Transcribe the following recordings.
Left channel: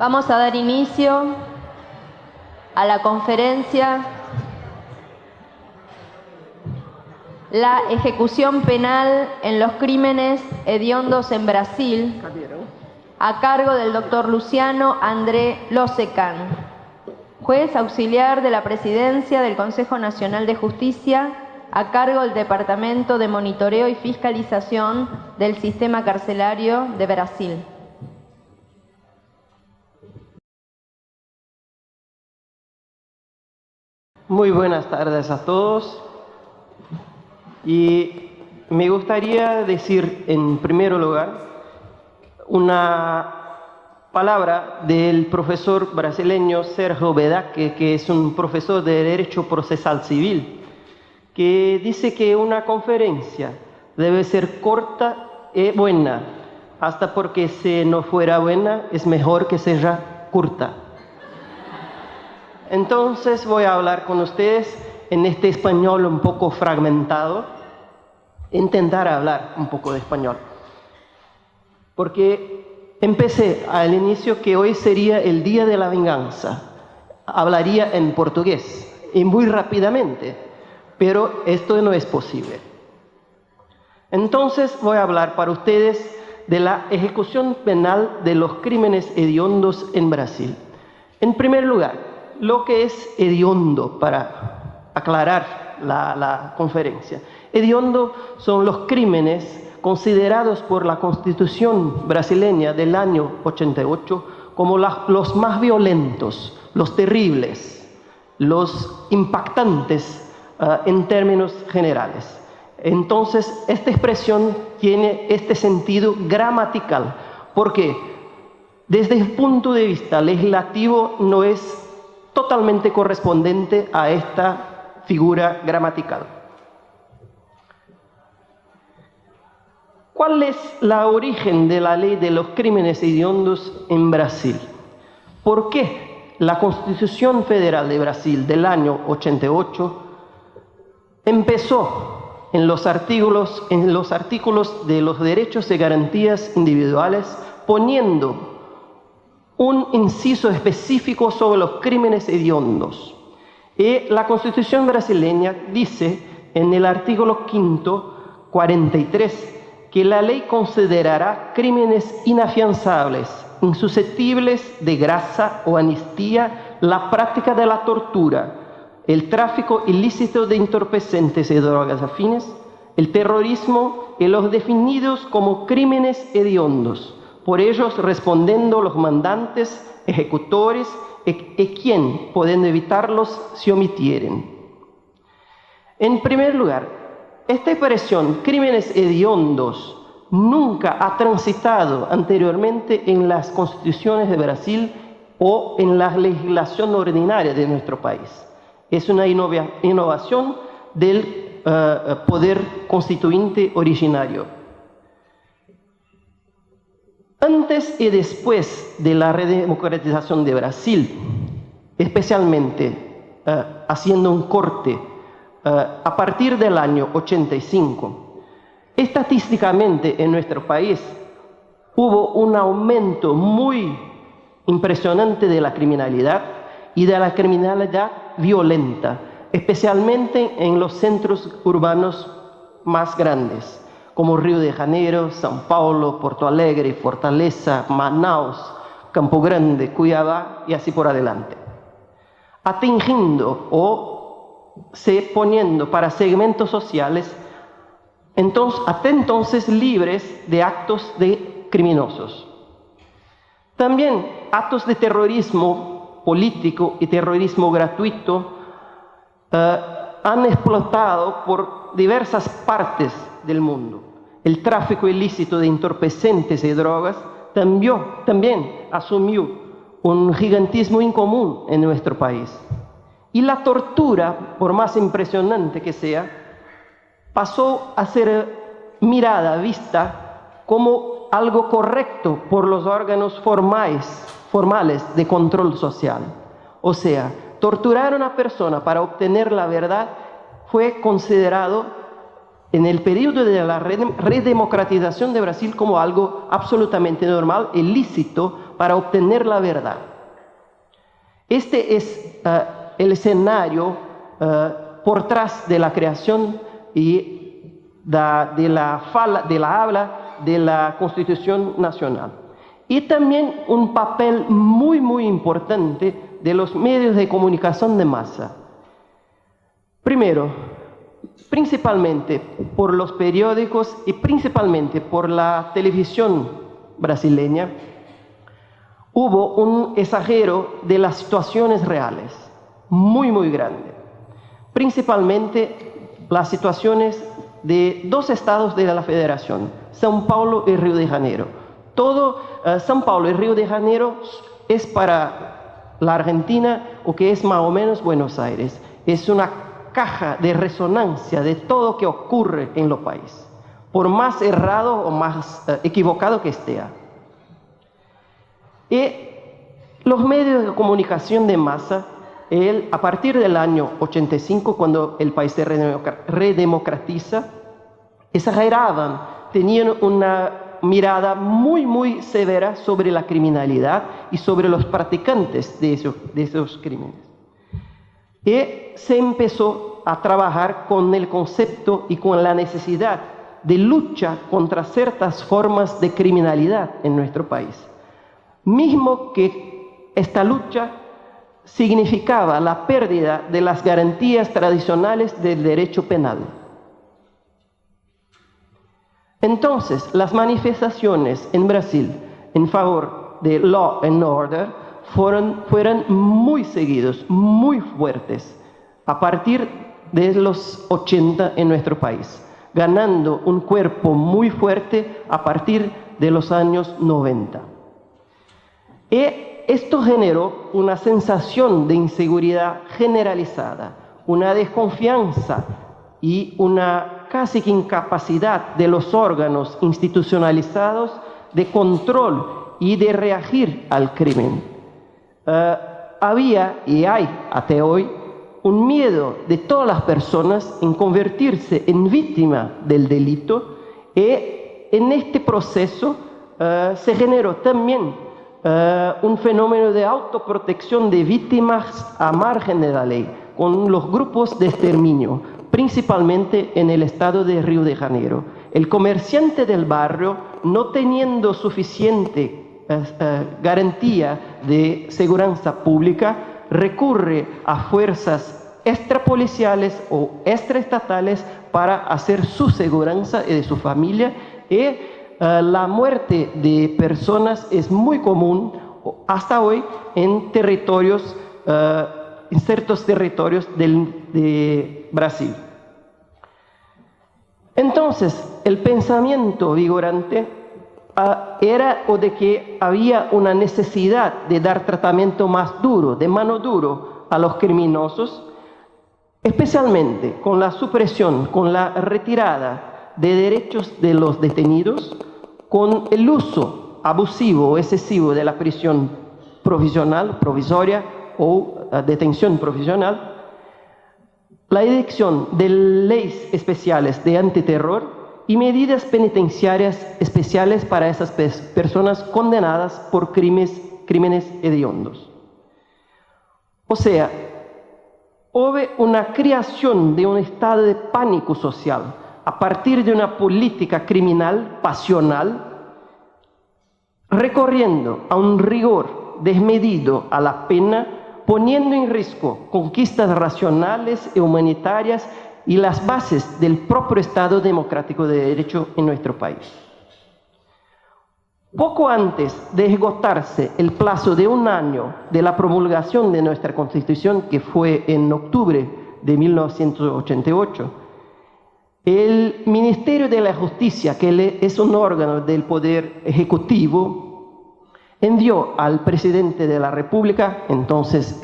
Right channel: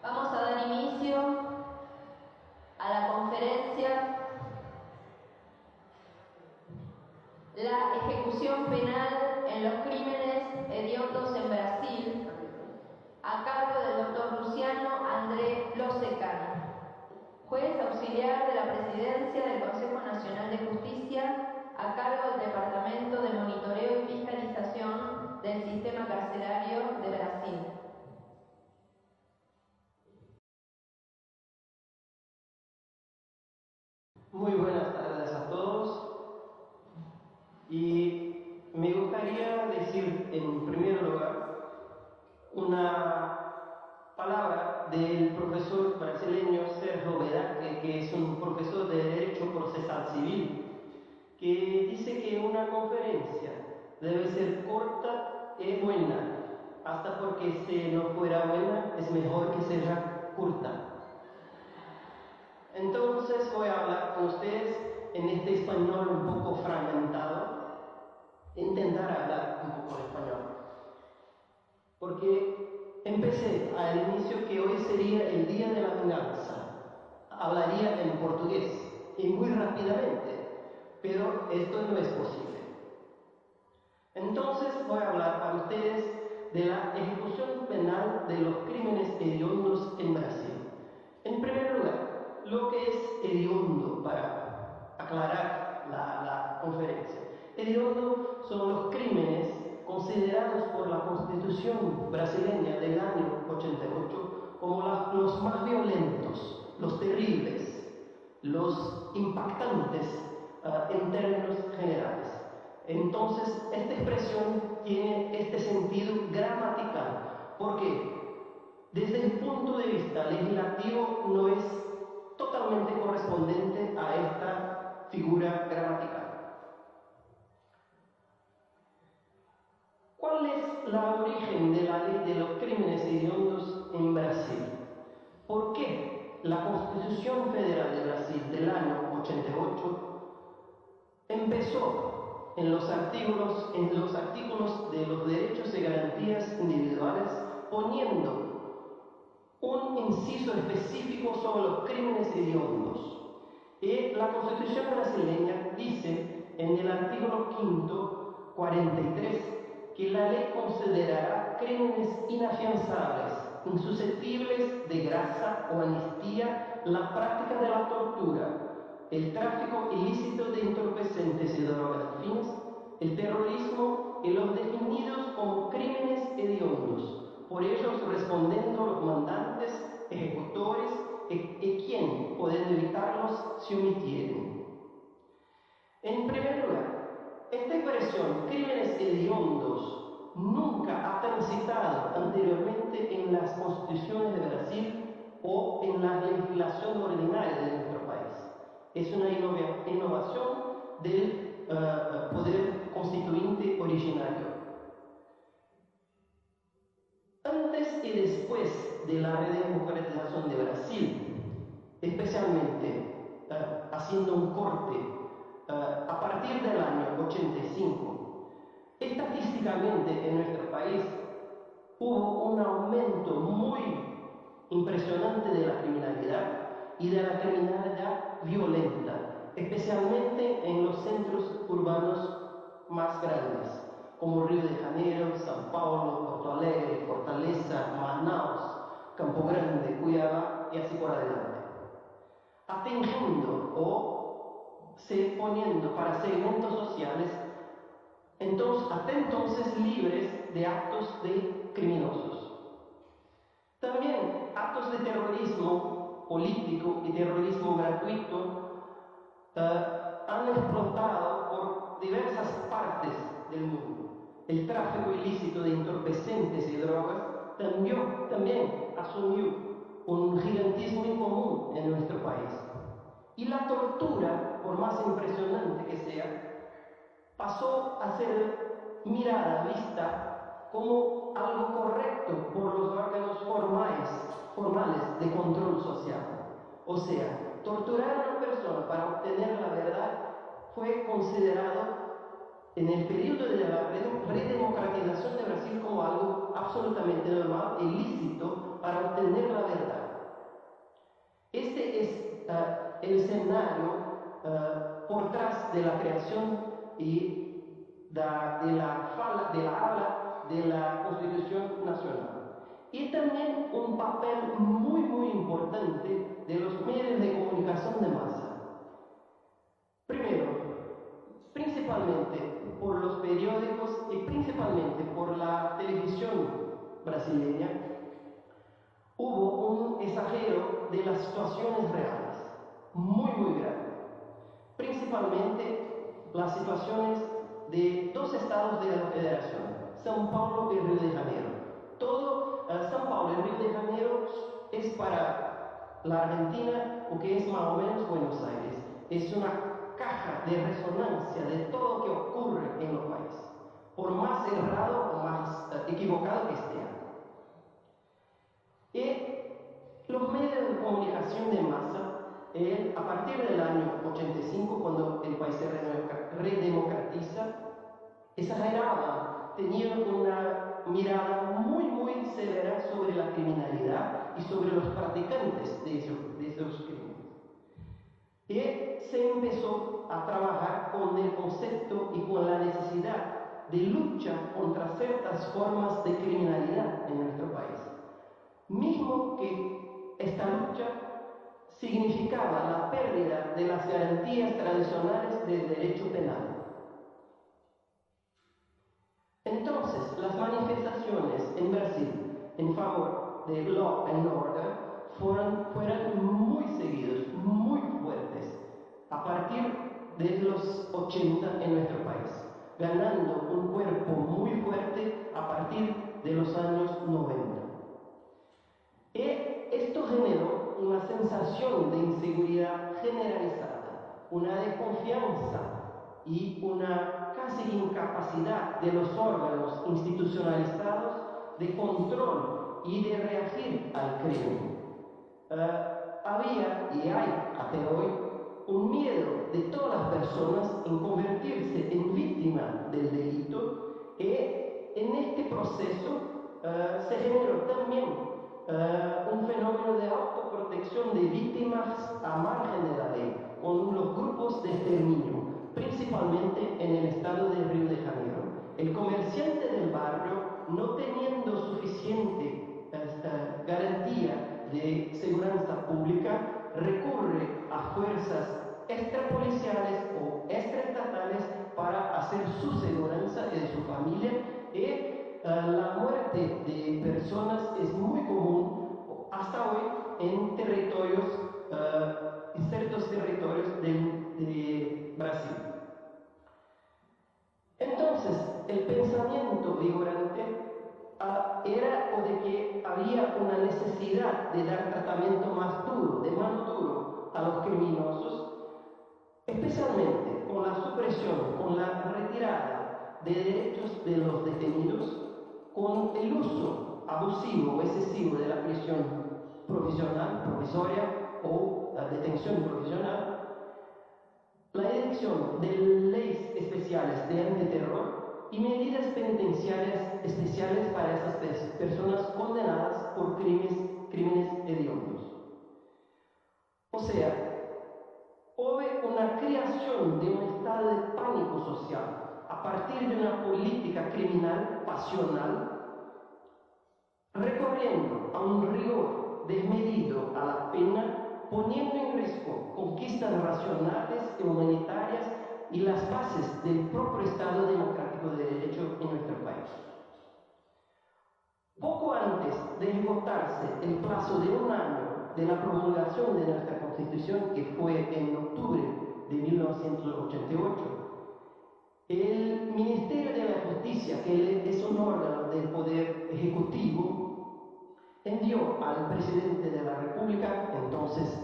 Vamos a dar inicio a la conferencia La ejecución penal en los crímenes hediondos en Brasil, a cargo del doctor Luciano André Losecan, juez auxiliar de la Presidencia del Consejo Nacional de Justicia, a cargo del Departamento de Monitoreo y Fiscalización del Sistema Carcelario de Brasil. Muy buenas tardes a todos. Y me gustaría decir en primer lugar una palabra del profesor brasileño Sérgio Bedaque, que es un profesor de Derecho Procesal Civil, que dice que una conferencia debe ser corta y buena, hasta porque si no fuera buena es mejor que sea corta. Entonces voy a hablar con ustedes en este español un poco fragmentado, intentar hablar un poco de español. Porque empecé al inicio que hoy sería el día de la venganza. Hablaría en portugués y muy rápidamente, pero esto no es posible. Entonces voy a hablar para ustedes de la ejecución penal de los crímenes hediondos en Brasil. En primer lugar, lo que es hediondo, para aclarar la conferencia. Hediondo son los crímenes considerados por la Constitución brasileña del año 88 como los más violentos, los terribles, los impactantes en términos generales. Entonces, esta expresión tiene este sentido gramatical, porque desde el punto de vista legislativo no es totalmente correspondiente a esta figura gramatical. ¿Cuál es la origen de la ley de los crímenes hediondos en Brasil? ¿Por qué la Constitución Federal de Brasil del año 88 empezó en los artículos de los derechos y garantías individuales poniendo un inciso específico sobre los crímenes hediondos? Y la Constitución brasileña dice en el artículo 5, 43, que la ley considerará crímenes inafianzables, insusceptibles de gracia o amnistía, la práctica de la tortura, el tráfico ilícito de entorpecentes y drogas afines, el terrorismo y los definidos como crímenes hediondos, por ellos respondiendo los mandantes, ejecutores y quien pueden evitarlos si omitieren. En primer lugar, esta expresión, crímenes hediondos, nunca ha transitado anteriormente en las constituciones de Brasil o en la legislación ordinaria de nuestro país. Es una innovación del poder constituyente originario. Antes y después de la redemocratización de Brasil, especialmente haciendo un corte a partir del año 85, estadísticamente en nuestro país hubo un aumento muy impresionante de la criminalidad y de la criminalidad violenta, especialmente en los centros urbanos más grandes, como Río de Janeiro, São Paulo, Porto Alegre, Fortaleza, Manaus, Campo Grande, Cuiabá y así por adelante. Atingiendo o se poniendo para segmentos sociales hasta entonces libres de actos criminosos. También actos de terrorismo político y terrorismo gratuito han explotado por diversas partes del mundo. El tráfico ilícito de entorpecentes y drogas también asumió un gigantismo incomún en nuestro país. Y la tortura, por más impresionante que sea, pasó a ser mirada, vista como algo correcto por los órganos formales de control social. O sea, torturar a una persona para obtener la verdad fue considerado en el periodo de la redemocratización de Brasil como algo absolutamente normal y lícito para obtener la verdad. Este es el escenario por tras de la creación y de la habla de la Constitución Nacional. Y también un papel muy importante de los medios de comunicación de masa. Primero, principalmente por los periódicos y principalmente por la televisión brasileña, hubo un exagero de las situaciones reales, muy grande. Principalmente las situaciones de dos estados de la Federación, São Paulo y Río de Janeiro. São Paulo y Río de Janeiro es para la Argentina o que es más o menos Buenos Aires. Es una caja de resonancia de todo lo que ocurre en los países, por más errado o más equivocado que esté. Y los medios de comunicación de masa, a partir del año 85, cuando el país se redemocratiza, exageraban, tenían una mirada muy severa sobre la criminalidad y sobre los practicantes de esos crímenes. Y se empezó a trabajar con el concepto y con la necesidad de lucha contra ciertas formas de criminalidad en nuestro país. Mismo que esta lucha significaba la pérdida de las garantías tradicionales del derecho penal. Entonces, las manifestaciones en Brasil en favor de law and order fueron muy seguidos, muy fuertes, a partir de los 80 en nuestro país, ganando un cuerpo muy fuerte a partir de los años 90. Y esto generó una sensación de inseguridad generalizada, una desconfianza y una casi que incapacidad de los órganos institucionalizados de control y de reagir al crimen. Había y hay hasta hoy un miedo de todas las personas en convertirse en víctima del delito, y en este proceso se generó también un fenómeno de autoprotección de víctimas a margen de la ley, con los grupos de exterminio, principalmente en el estado de Río de Janeiro. El comerciante del barrio, no teniendo suficiente garantía de seguridad pública, recurre a fuerzas extrapoliciales o extraestatales para hacer su seguridad y de su familia, y la muerte de personas es muy común hasta hoy en territorios, en ciertos territorios de Brasil. Entonces, el pensamiento vigorante era o de que había una necesidad de dar tratamiento más duro, de mano duro a los criminosos, especialmente con la supresión, con la retirada de derechos de los detenidos, con el uso abusivo o excesivo de la prisión provisoria o detención provisional, la edicción de leyes especiales de antiterror y medidas penitenciarias especiales para esas personas condenadas por crímenes hediondos. O sea, hubo una creación de un estado de pánico social a partir de una política criminal pasional, recorriendo a un rigor desmedido a la pena, poniendo en riesgo conquistas racionales y humanitarias y las bases del propio Estado democrático de derecho en nuestro país. Poco antes de esgotarse el plazo de 1 año de la promulgación de nuestra Constitución, que fue en octubre de 1988, el Ministerio de la Justicia, que es un órgano del Poder Ejecutivo, envió al presidente de la República, entonces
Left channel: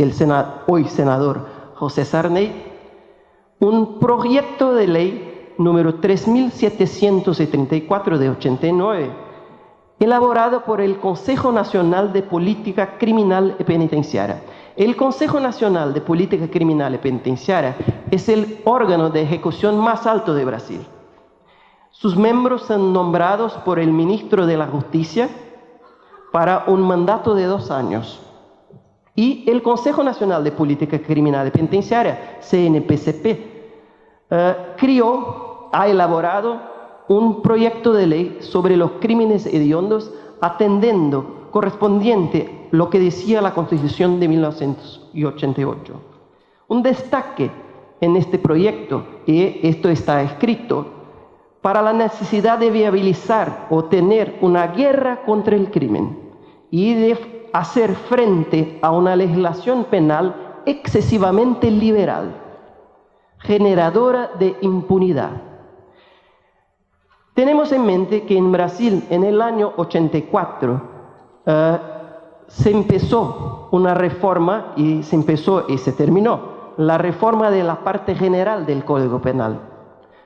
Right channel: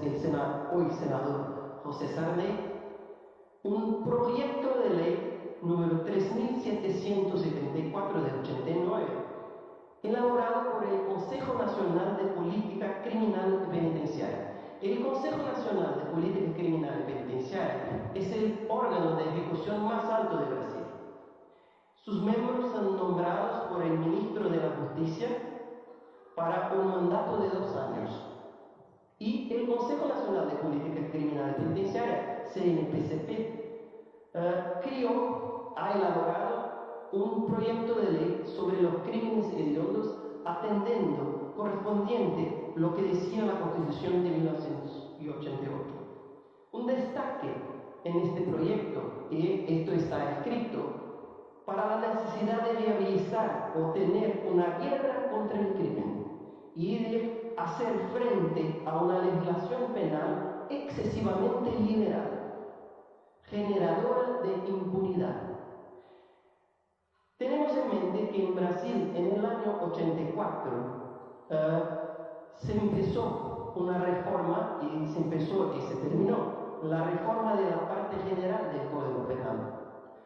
hoy senador José Sarney, un proyecto de ley número 3774 de 89, elaborado por el Consejo Nacional de Política Criminal y Penitenciaria. El Consejo Nacional de Política Criminal y Penitenciaria es el órgano de ejecución más alto de Brasil. Sus miembros son nombrados por el ministro de la Justicia para un mandato de 2 años. Y el Consejo Nacional de Política Criminal y Penitenciaria, CNPCP, ha elaborado un proyecto de ley sobre los crímenes hediondos atendiendo correspondiente lo que decía la Constitución de 1988. Un destaque en este proyecto, y esto está escrito, para la necesidad de viabilizar o tener una guerra contra el crimen y de hacer frente a una legislación penal excesivamente liberal, generadora de impunidad. Tenemos en mente que en Brasil, en el año 84, se empezó una reforma, y se empezó y se terminó, la reforma de la parte general del Código Penal,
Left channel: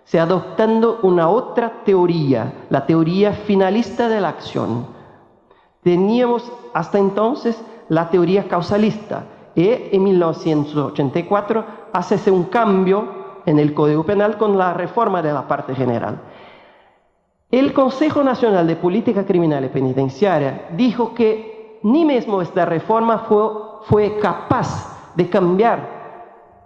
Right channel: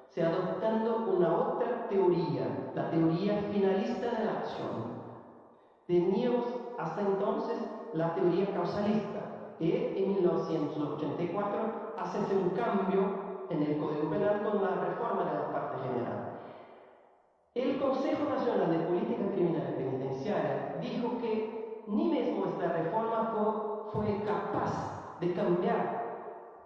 se adoptando una otra teoría, la teoría finalista de la acción. Teníamos hasta entonces la teoría causalista, y en 1984 hace un cambio en el Código Penal con la reforma de la parte general. El Consejo Nacional de Política Criminal y Penitenciaria dijo que ni mismo esta reforma fue capaz de cambiar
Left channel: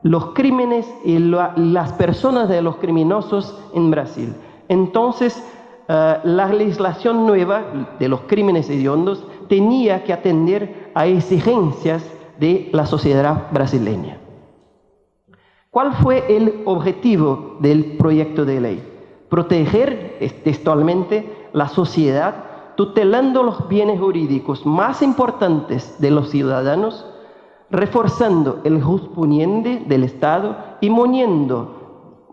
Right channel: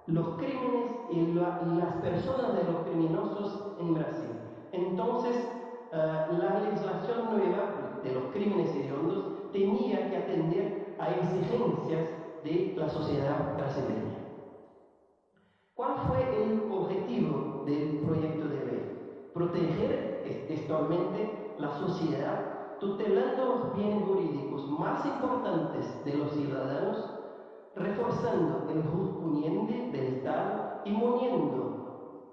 los crímenes y las personas de los criminosos en Brasil. Entonces, la legislación nueva de los crímenes hediondos tenía que atender a exigencias de la sociedad brasileña. ¿Cuál fue el objetivo del proyecto de ley? Proteger textualmente la sociedad, tutelando los bienes jurídicos más importantes de los ciudadanos, reforzando el juzgamiento del Estado y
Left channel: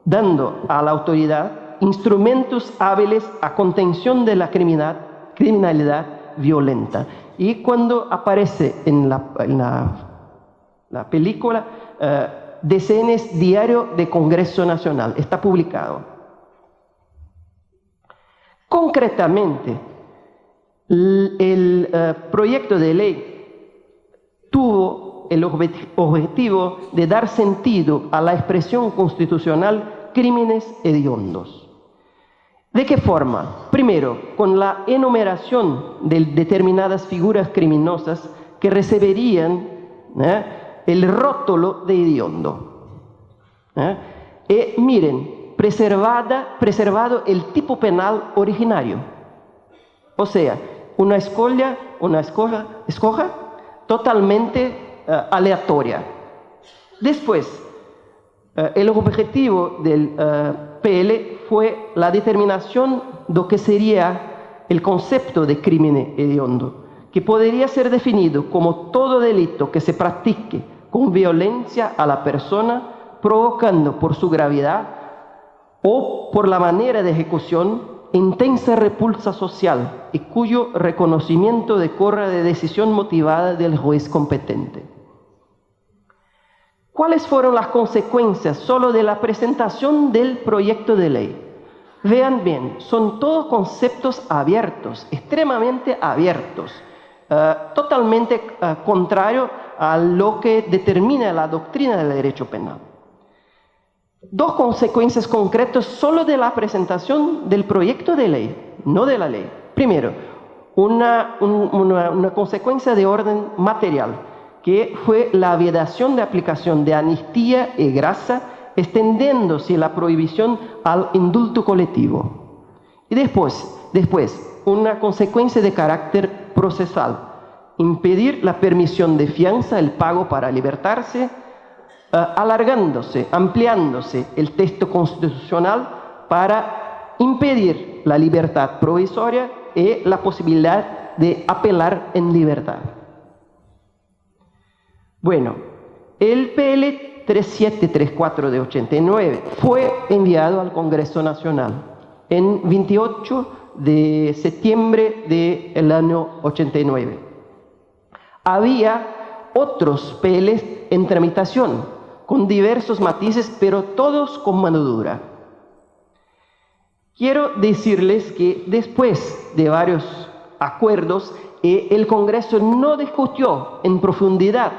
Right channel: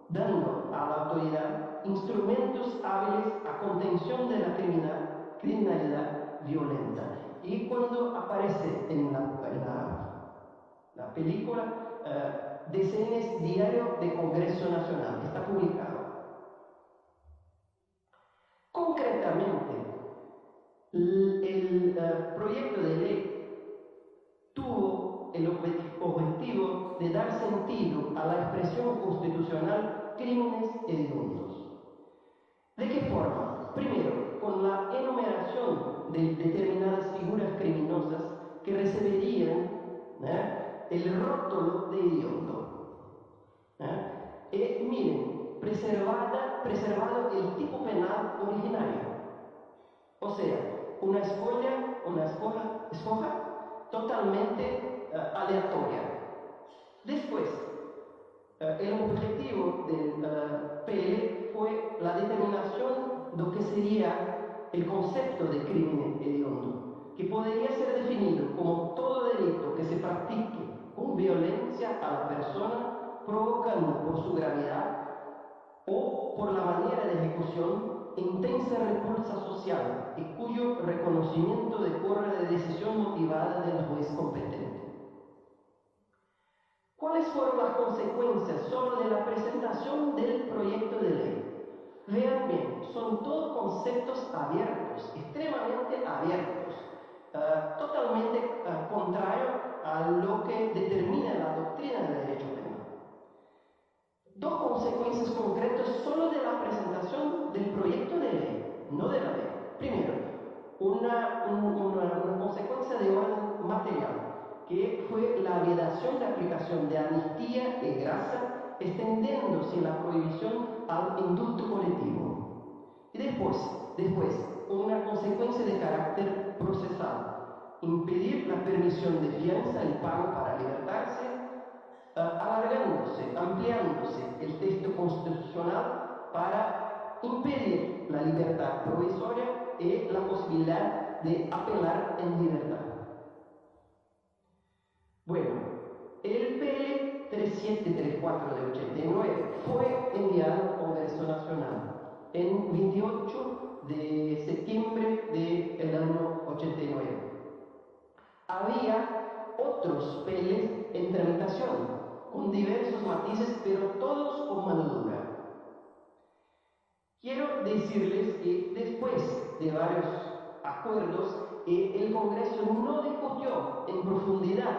dando a la autoridad instrumentos hábiles a contención de la criminalidad violenta. Y cuando aparece en la película, DCN's Diario de Congreso Nacional, está publicado. Concretamente, el proyecto de ley tuvo el objetivo de dar sentido a la expresión constitucional crímenes hediondos. ¿De qué forma? Primero, con la enumeración de determinadas figuras criminosas que recibirían el rótulo de hediondo. Y miren, preservado el tipo penal originario. O sea, una escoja totalmente aleatoria. Después, el objetivo del PL fue la determinación de lo que sería el concepto de crimen hediondo, que podría ser definido como todo delito que se practique con violencia a la persona, provocando por su gravedad o por la manera de ejecución intensa repulsa social y cuyo reconocimiento decorra de decisión motivada del juez competente. ¿Cuáles fueron las consecuencias solo de la presentación del proyecto de ley? Vean bien, son todos conceptos abiertos, extremadamente abiertos, totalmente contrario a lo que determina la doctrina del derecho penal. 2 consecuencias concretas solo de la presentación del proyecto de ley, no de la ley. Primero, una consecuencia de orden material, que fue la vedación de aplicación de amnistía y grasa, extendiéndose la prohibición al indulto colectivo. Y después, una consecuencia de carácter procesal, impedir la permisión de fianza, el pago para libertarse, ampliándose el texto constitucional para impedir la libertad provisoria y la posibilidad de apelar en libertad. Bueno, el PL 3734 de 89 fue enviado al Congreso Nacional en 28 de septiembre del año 89. Había otros PLs en tramitación, con diversos matices, pero todos con mano dura. Quiero decirles que después de varios acuerdos, el Congreso no discutió en profundidad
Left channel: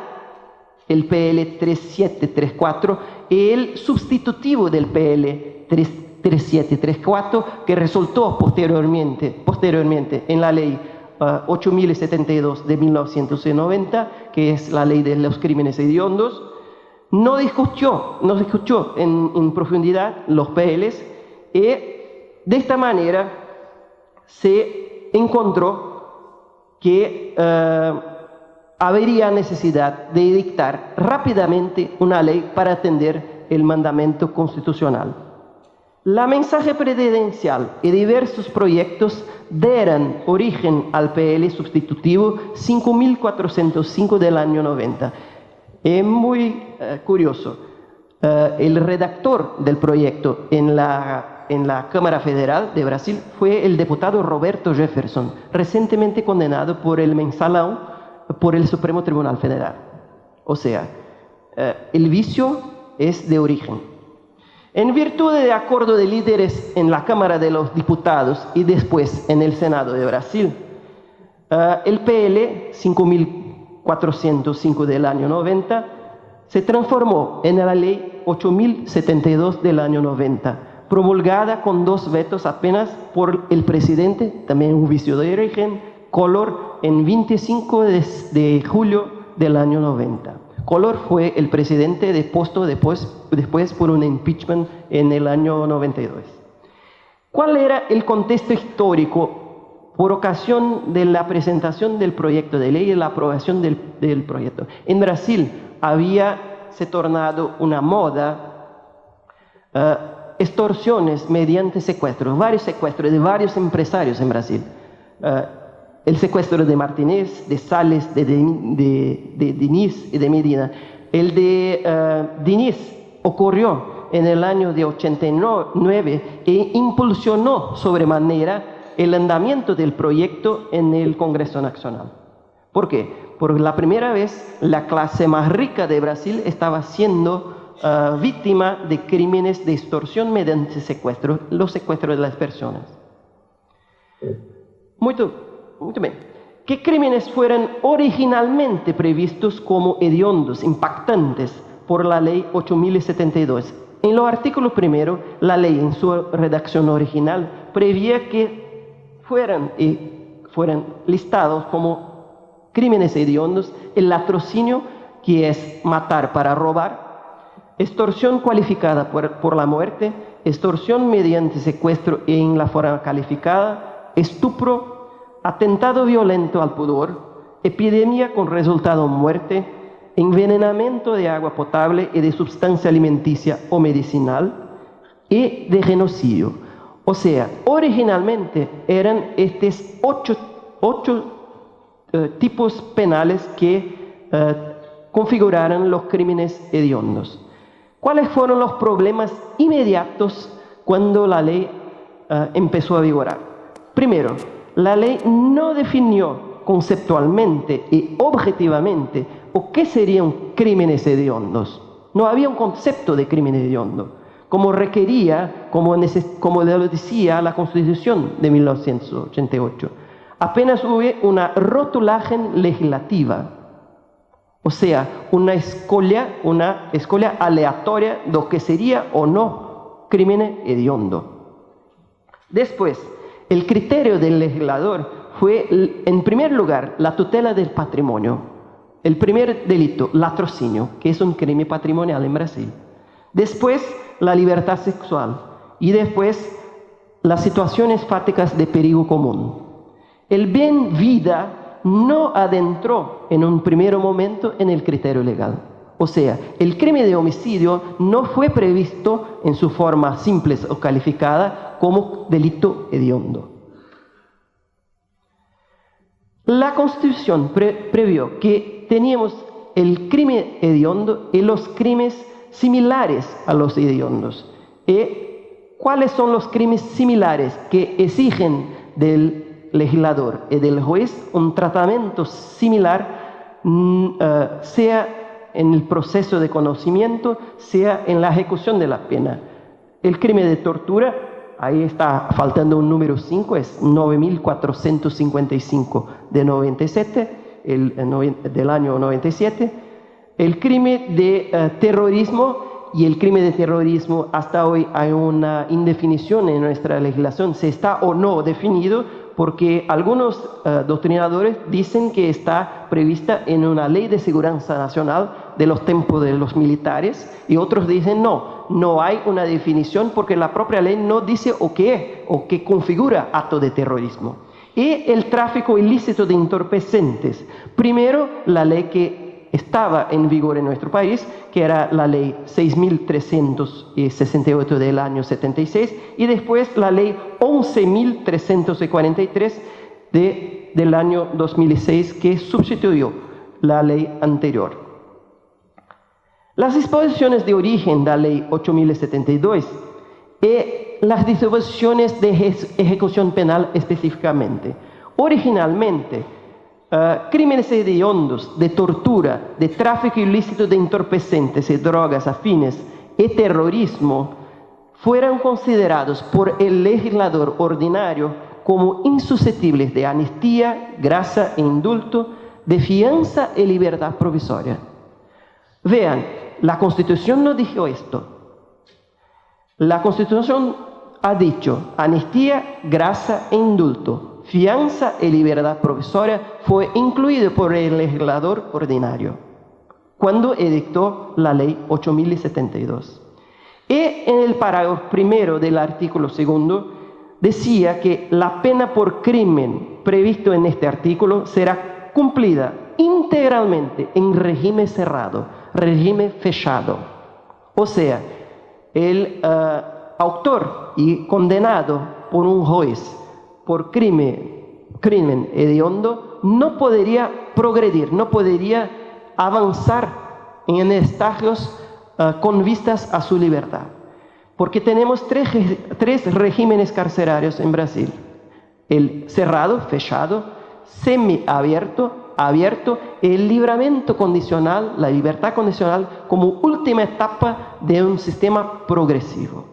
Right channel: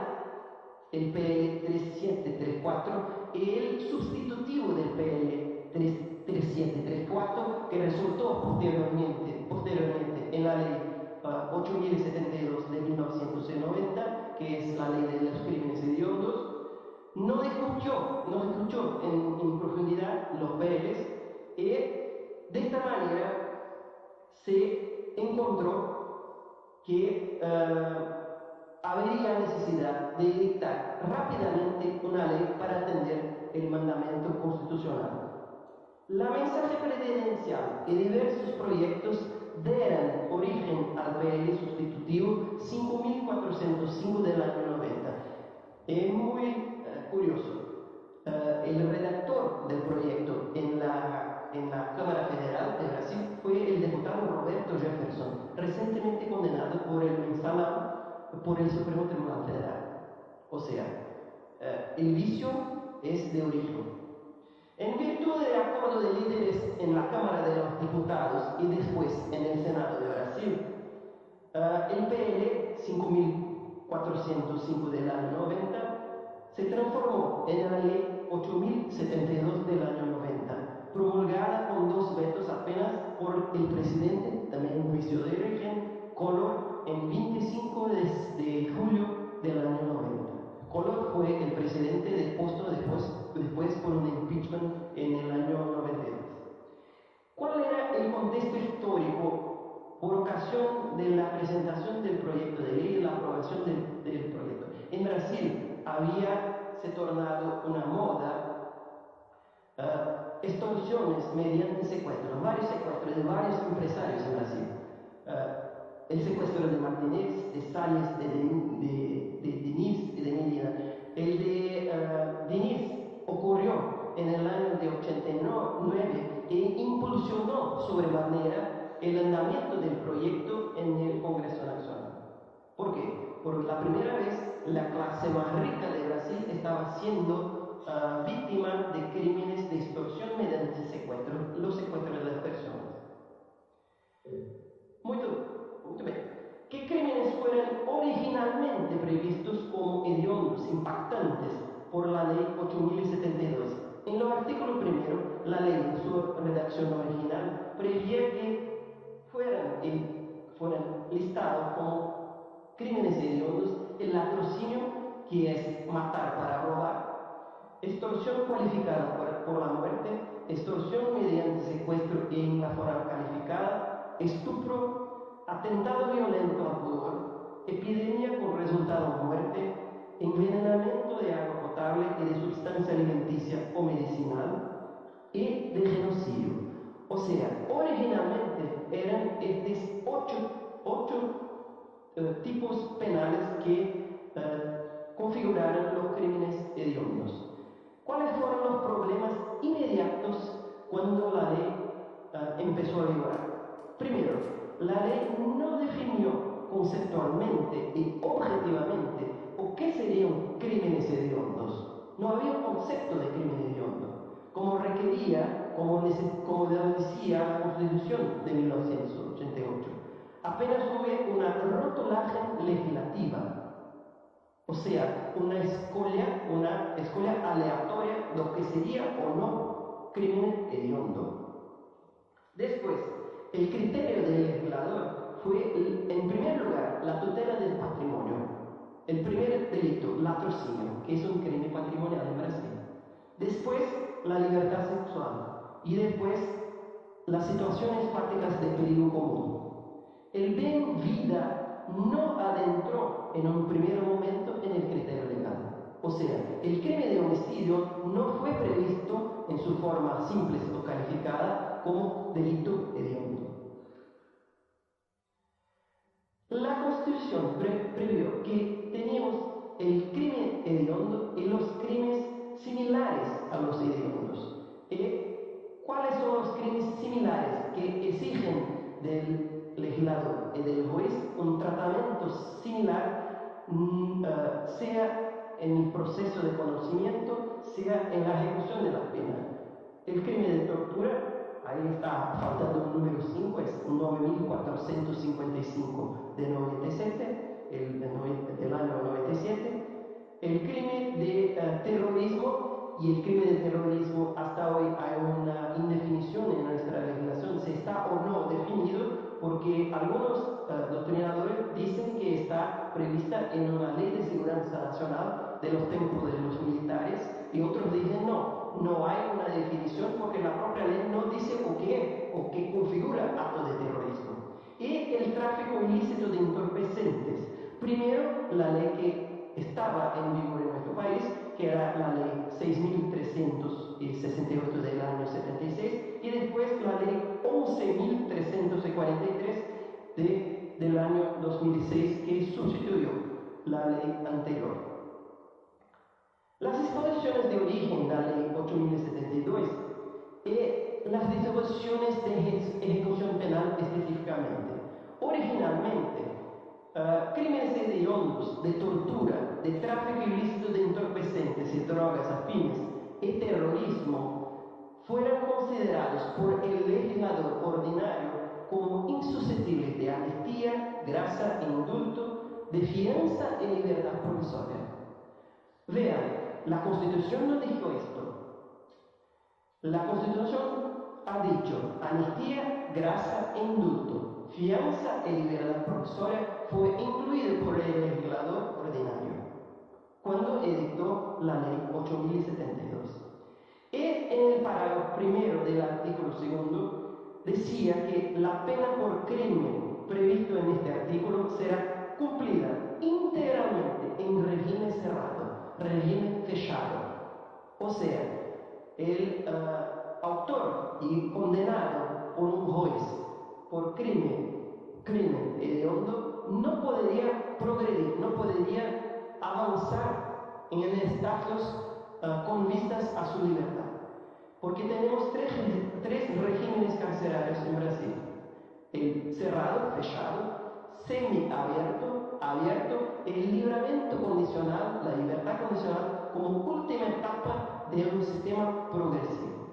el PL 3734, el sustitutivo del PL 3734, que resultó posteriormente en la ley 8072 de 1990, que es la ley de los crímenes hediondos, no discutió en profundidad los PLs, y de esta manera se encontró que habría necesidad de dictar rápidamente una ley para atender el mandamiento constitucional. La mensaje presidencial y diversos proyectos dieron origen al PL sustitutivo 5405 del año 90. Es muy curioso. El redactor del proyecto en la Cámara Federal de Brasil fue el diputado Roberto Jefferson, recientemente condenado por el mensalão por el Supremo Tribunal Federal. O sea, el vicio es de origen. En virtud de acuerdo de líderes en la Cámara de los Diputados y después en el Senado de Brasil, el PL 5405 del año 90 se transformó en la ley 8072 del año 90, promulgada con 2 vetos apenas por el presidente, también un vicio de origen, Collor, en 25 de julio del año 90. Collor fue el presidente depuesto después por un impeachment en el año 92. ¿Cuál era el contexto histórico por ocasión de la presentación del proyecto de ley y la aprobación del proyecto? En Brasil se tornado una moda extorsiones mediante secuestros, varios secuestros de varios empresarios en Brasil. El secuestro de Martínez, de Salles, de Diniz y de Medina. El de Diniz ocurrió en el año de 89 e impulsionó sobremanera el andamiento del proyecto en el Congreso Nacional. ¿Por qué? Por la primera vez la clase más rica de Brasil estaba siendo víctima de crímenes de extorsión mediante secuestros, los secuestros de las personas. Muy bien. ¿Qué crímenes fueron originalmente previstos como hediondos, impactantes por la ley 8072? En los artículos primero, la ley en su redacción original prevía que fueran listados como crímenes hediondos el latrocinio, que es matar para robar, extorsión cualificada por la muerte, extorsión mediante secuestro en la forma calificada, estupro, atentado violento al pudor, epidemia con resultado muerte, envenenamiento de agua potable y de sustancia alimenticia o medicinal, y de genocidio. O sea, originalmente eran estos ocho tipos penales que configuraron los crímenes hediondos. ¿Cuáles fueron los problemas inmediatos cuando la ley empezó a vigorar? Primero, la ley no definió conceptualmente y objetivamente qué serían crímenes hediondos. No había un concepto de crimen hediondo, como requería, como lo decía la Constitución de 1988. Apenas hubo una rotulaje legislativa, o sea, una escolia aleatoria de lo que sería o no crimen hediondo. Después, el criterio del legislador fue, en primer lugar, la tutela del patrimonio. El primer delito, latrocinio, que es un crimen patrimonial en Brasil. Después, la libertad sexual. Y después, las situaciones fáticas de peligro común. El bien vida no adentró en un primer momento en el criterio legal. O sea, el crimen de homicidio no fue previsto en su forma simple o calificada como delito hediondo. La Constitución previó que teníamos el crimen hediondo y los crímenes similares a los hediondos. ¿Cuáles son los crímenes similares que exigen del legislador y del juez un tratamiento similar, sea en el proceso de conocimiento, sea en la ejecución de la pena? El crimen de tortura, ahí está faltando un número 5, es 9455 de 97, del año 97. El crimen de terrorismo, y el crimen de terrorismo, hasta hoy hay una indefinición en nuestra legislación, si está o no definido, porque algunos doctrinadores dicen que está prevista en una ley de seguridad nacional de los tiempos de los militares, y otros dicen no hay una definición porque la propia ley no dice o qué es o qué configura acto de terrorismo. Y el tráfico ilícito de entorpecentes. Primero, la ley que estaba en vigor en nuestro país, que era la ley 6.368 del año 76, y después la ley 11.343 del año 2006, que sustituyó la ley anterior. Las disposiciones de origen de la ley 8.072 y las disposiciones de ejecución penal específicamente. Originalmente, crímenes hediondos, de tortura, de tráfico ilícito de entorpecentes y drogas afines y terrorismo fueran considerados por el legislador ordinario como insusceptibles de amnistía, gracia e indulto, de fianza y libertad provisoria. Vean, la Constitución no dijo esto. La Constitución ha dicho amnistía, gracia e indulto. Fianza y libertad provisoria fue incluido por el legislador ordinario cuando edictó la ley 8.072. Y en el parágrafo primero del artículo segundo decía que la pena por crimen previsto en este artículo será cumplida integralmente en régimen cerrado, régimen fechado. O sea, el autor y condenado por un juez por crimen hediondo no podría progredir, no podría avanzar en estadios con vistas a su libertad. Porque tenemos tres regímenes carcelarios en Brasil: el cerrado, fechado, semiabierto, abierto, el libramiento condicional, la libertad condicional como última etapa de un sistema progresivo.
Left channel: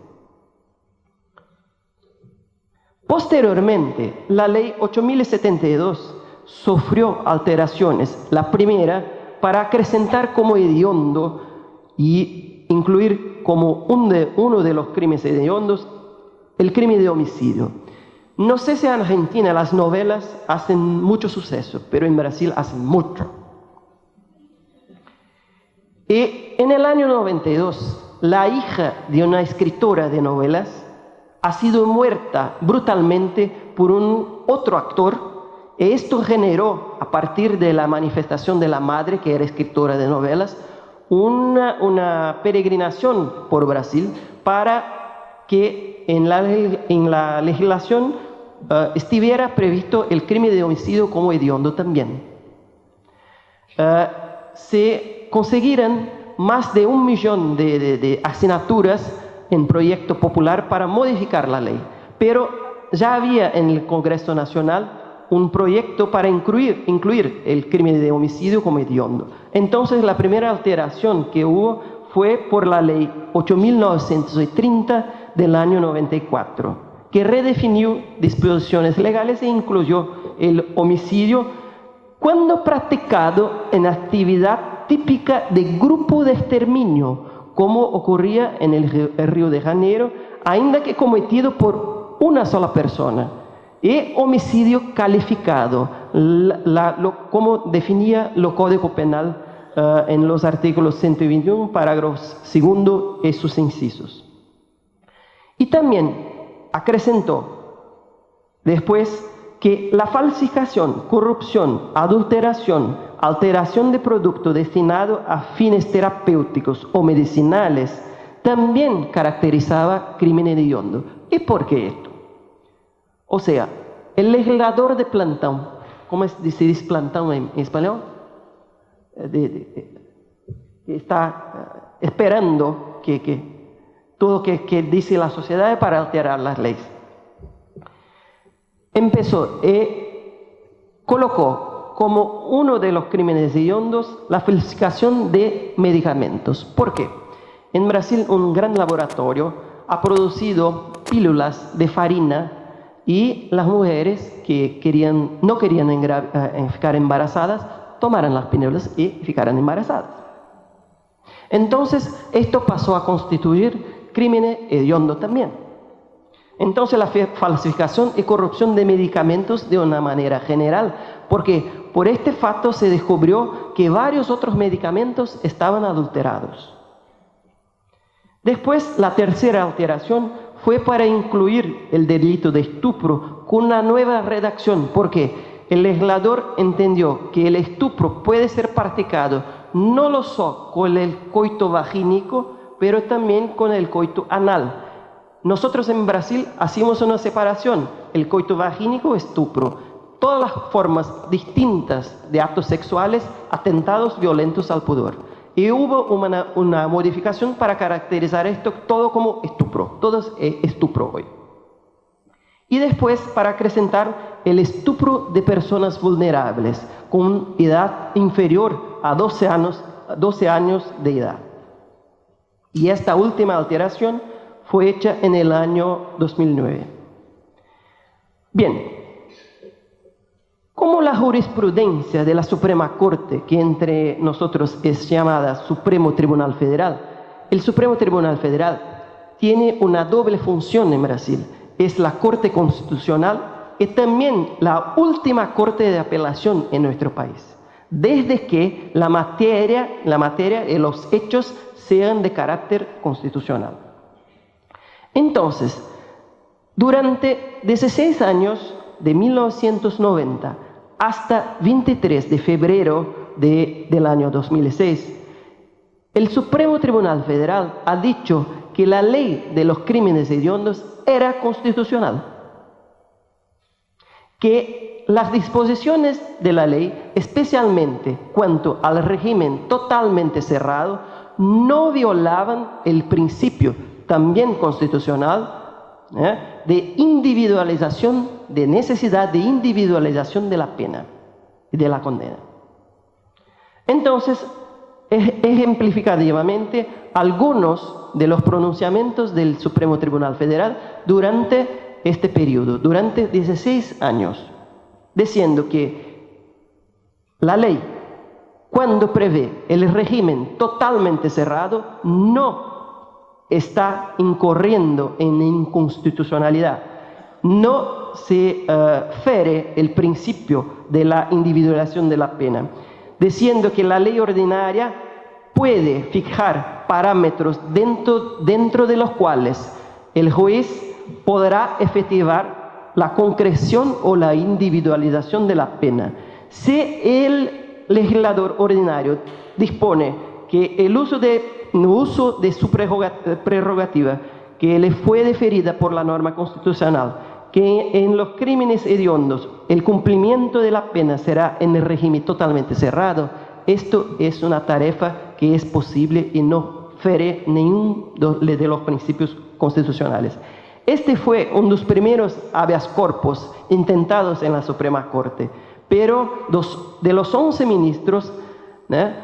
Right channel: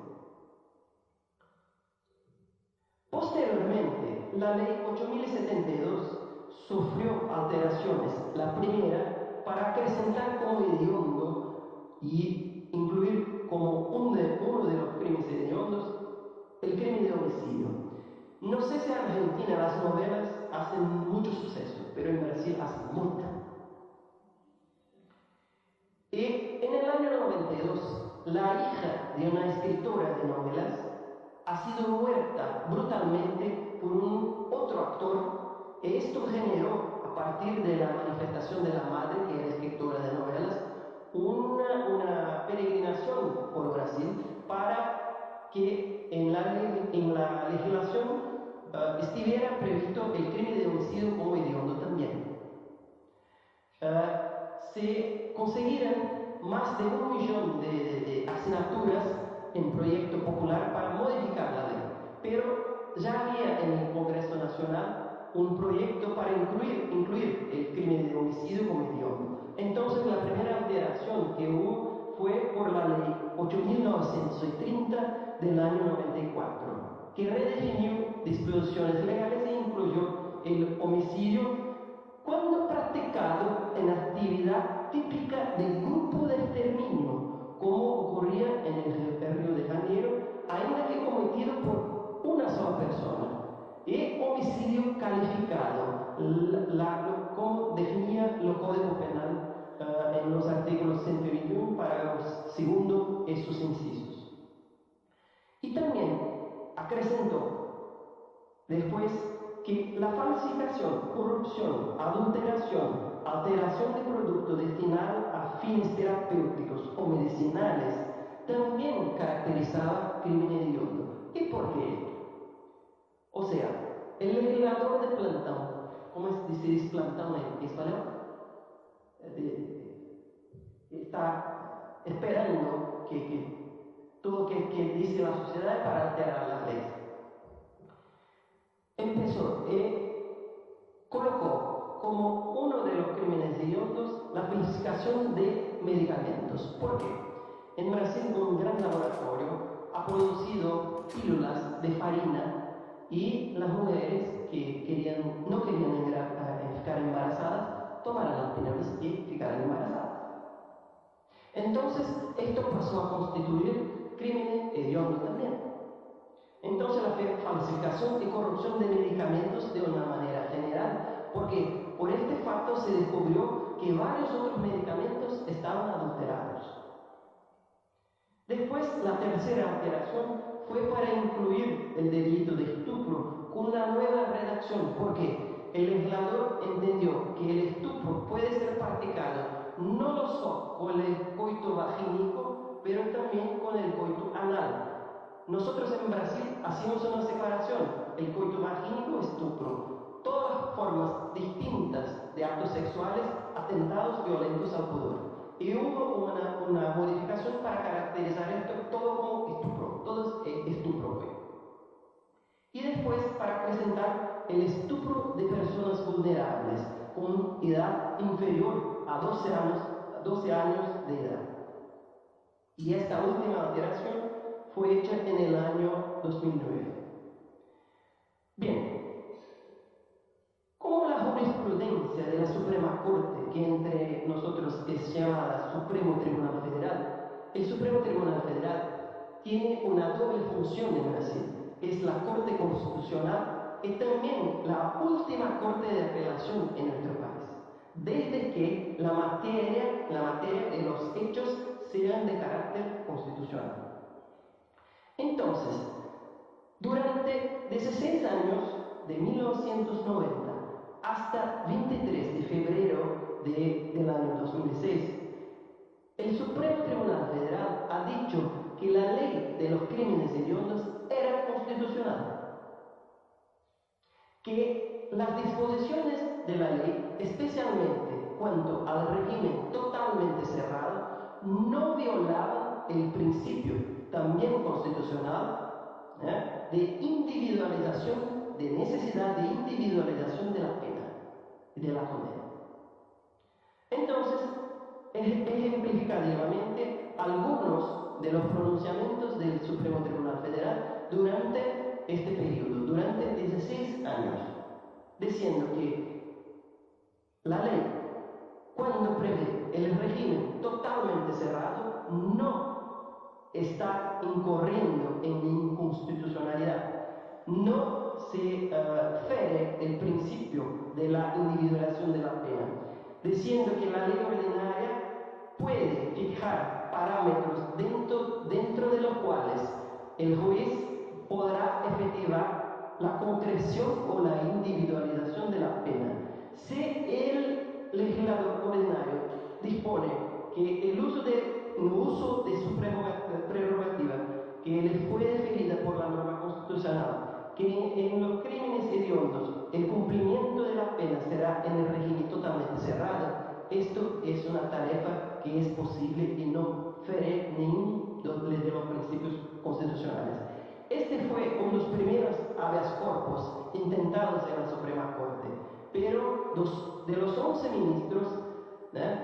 Posteriormente, la ley 8.072 sufrió alteraciones. La primera, para acrecentar como hediondo y incluir como uno de los crímenes hediondos el crimen de homicidio. No sé si en Argentina las novelas hacen mucho suceso, pero en Brasil hacen mucho. Y en el año 92, la hija de una escritora de novelas ha sido muerta brutalmente por un otro actor. Esto generó, a partir de la manifestación de la madre, que era escritora de novelas, una peregrinación por Brasil para que en la legislación estuviera previsto el crimen de homicidio como hediondo también. Se consiguieron más de 1 millón de asignaturas en proyecto popular para modificar la ley, pero ya había en el Congreso Nacional un proyecto para incluir el crimen de homicidio como hediondo. Entonces, la primera alteración que hubo fue por la ley 8.930 del año 94, que redefinió disposiciones legales e incluyó el homicidio cuando practicado en actividad típica de grupo de exterminio, como ocurría en el Río de Janeiro, ainda que cometido por una sola persona. Y homicidio calificado, como definía el Código Penal en los artículos 121, parágrafos 2 y sus incisos. Y también acrecentó después que la falsificación, corrupción, adulteración, alteración de producto destinado a fines terapéuticos o medicinales también caracterizaba crimen hediondo. ¿Y por qué esto? O sea, el legislador de plantón, ¿cómo se dice plantón en español? Está esperando todo que dice la sociedad para alterar las leyes. Empezó y colocó como uno de los crímenes hediondos la falsificación de medicamentos. ¿Por qué? En Brasil un gran laboratorio ha producido pílulas de farina y las mujeres que no querían ficar embarazadas tomaran las pílulas y ficaran embarazadas. Entonces, esto pasó a constituir crimen hediondo también. Entonces, la falsificación y corrupción de medicamentos de una manera general, porque por este facto se descubrió que varios otros medicamentos estaban adulterados. Después, la tercera alteración fue para incluir el delito de estupro con una nueva redacción, porque el legislador entendió que el estupro puede ser practicado no solo con el coito vagínico, pero también con el coito anal. Nosotros en Brasil hacemos una separación, el coito vagínico, estupro, todas las formas distintas de actos sexuales, atentados violentos al pudor. Y hubo una modificación para caracterizar esto todo como estupro, todo es estupro hoy. Y después para acrecentar el estupro de personas vulnerables con edad inferior a 12 años de edad. Y esta última alteración fue hecha en el año 2009. Bien, como la jurisprudencia de la Suprema Corte, que entre nosotros es llamada Supremo Tribunal Federal, el Supremo Tribunal Federal tiene una doble función en Brasil. Es la Corte Constitucional y también la última Corte de Apelación en nuestro país, desde que la materia y los hechos sean de carácter constitucional. Entonces, durante 16 años, de 1990 hasta 23 de febrero del año 2006, el Supremo Tribunal Federal ha dicho que la ley de los crímenes hediondos era constitucional, que las disposiciones de la ley, especialmente cuanto al régimen totalmente cerrado, no violaban el principio también constitucional de individualización, de necesidad de individualización de la pena y de la condena. Entonces, ejemplificativamente, algunos de los pronunciamientos del Supremo Tribunal Federal durante este periodo, durante 16 años, diciendo que la ley, cuando prevé el régimen totalmente cerrado, no está incurriendo en inconstitucionalidad, no se fiere el principio de la individualización de la pena, diciendo que la ley ordinaria puede fijar parámetros dentro de los cuales el juez podrá efectivar la concreción o la individualización de la pena. Si el legislador ordinario dispone que el uso de su prerrogativa que le fue deferida por la norma constitucional, que en los crímenes hediondos el cumplimiento de la pena será en el régimen totalmente cerrado, esto es una tarea que es posible y no fiere ninguno de los principios constitucionales. Este fue uno de los primeros habeas corpus intentados en la Suprema Corte, pero de los 11 ministros,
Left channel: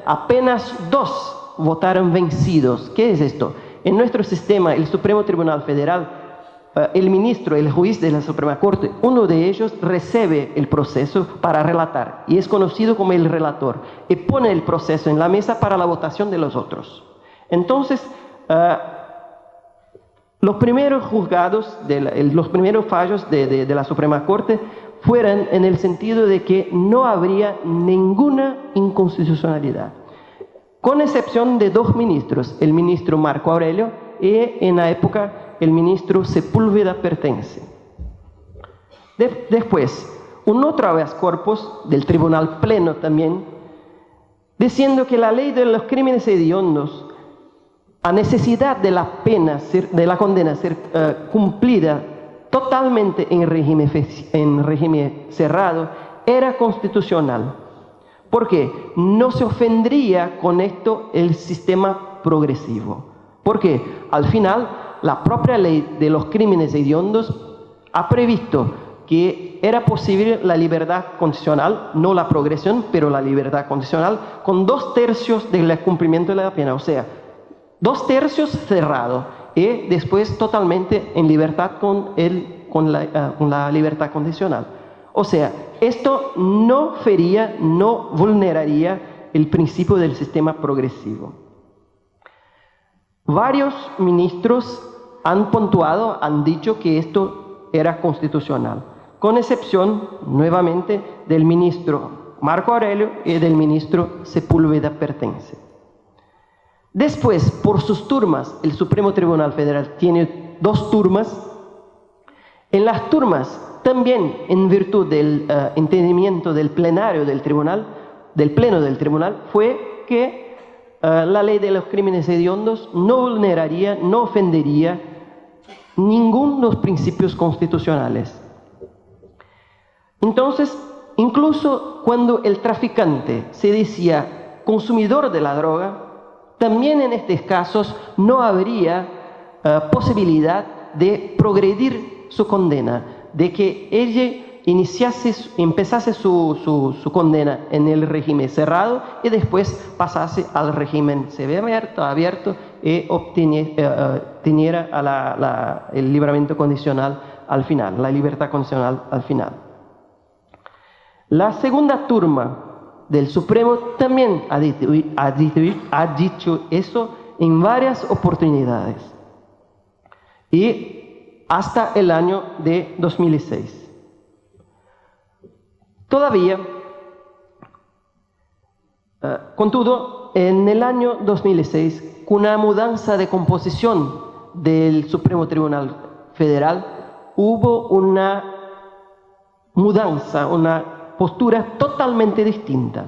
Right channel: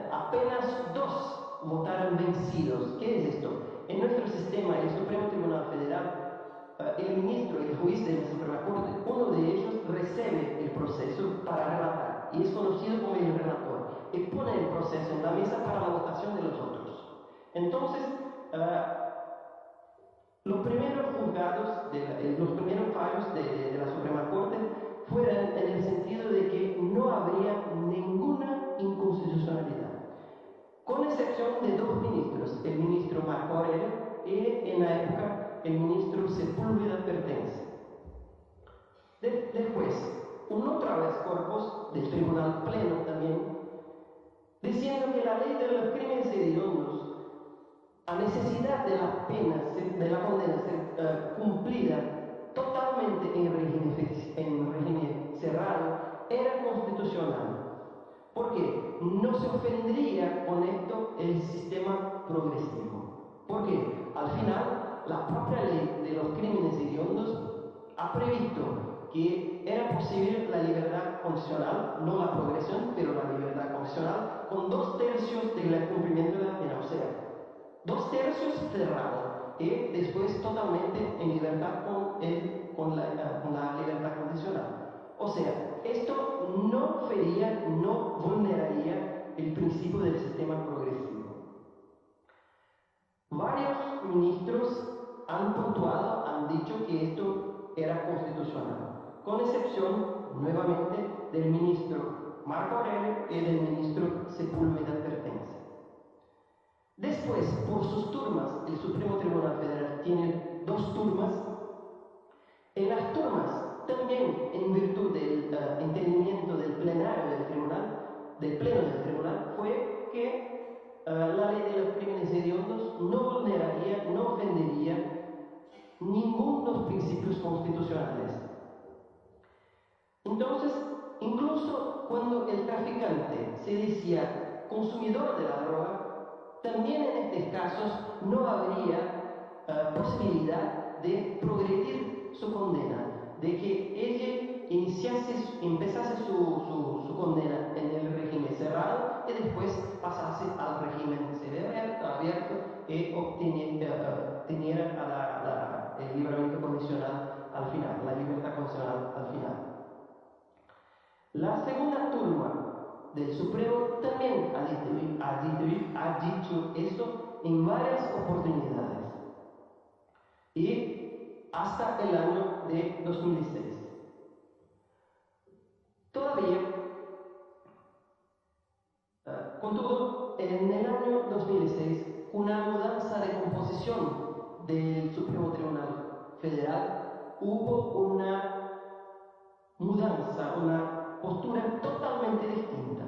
apenas 2 votaron vencidos. ¿Qué es esto? En nuestro sistema, el Supremo Tribunal Federal, el ministro, el juez de la Suprema Corte, uno de ellos recibe el proceso para relatar y es conocido como el relator y pone el proceso en la mesa para la votación de los otros. Entonces, los primeros juzgados, los primeros fallos de la Suprema Corte fueron en el sentido de que no habría ninguna inconstitucionalidad, con excepción de 2 ministros, el ministro Marco Aurelio y en la época el ministro Sepúlveda Pertence. Después, un otro habeas corpus del Tribunal Pleno también, diciendo que la ley de los crímenes hediondos, a necesidad de la pena, de la condena ser cumplida totalmente en régimen cerrado, era constitucional, porque no se ofendería con esto el sistema progresivo, porque al final la propia ley de los crímenes hediondos ha previsto que era posible la libertad condicional, no la progresión, pero la libertad condicional, con 2/3 del cumplimiento de la pena, o sea, 2/3 cerrado y después totalmente en libertad con la libertad condicional. O sea, esto no fería, no vulneraría el principio del sistema progresivo. Varios ministros han puntuado, han dicho que esto era constitucional, con excepción, nuevamente, del ministro Marco Aurelio y del ministro Sepúlveda Pertense. Después, por sus turmas, el Supremo Tribunal Federal tiene 2 turmas. En las turmas, también en virtud del entendimiento del plenario del tribunal, del pleno del tribunal, fue que la ley de los crímenes hediondos no vulneraría, no ofendería ninguno de los principios constitucionales. Entonces, incluso cuando el traficante se decía consumidor de la droga, también en estos casos no habría posibilidad de progredir su condena, de que ella empezase su condena en el régimen cerrado y después pasase al régimen abierto y obteniera el libramiento condicional al final, la libertad condicional al final. La segunda turma del Supremo también ha dicho eso en varias oportunidades y hasta el año de 2006. Todavía, contudo, en el año 2006, con una mudanza de composición del Supremo Tribunal Federal, hubo una mudanza, una postura totalmente distinta.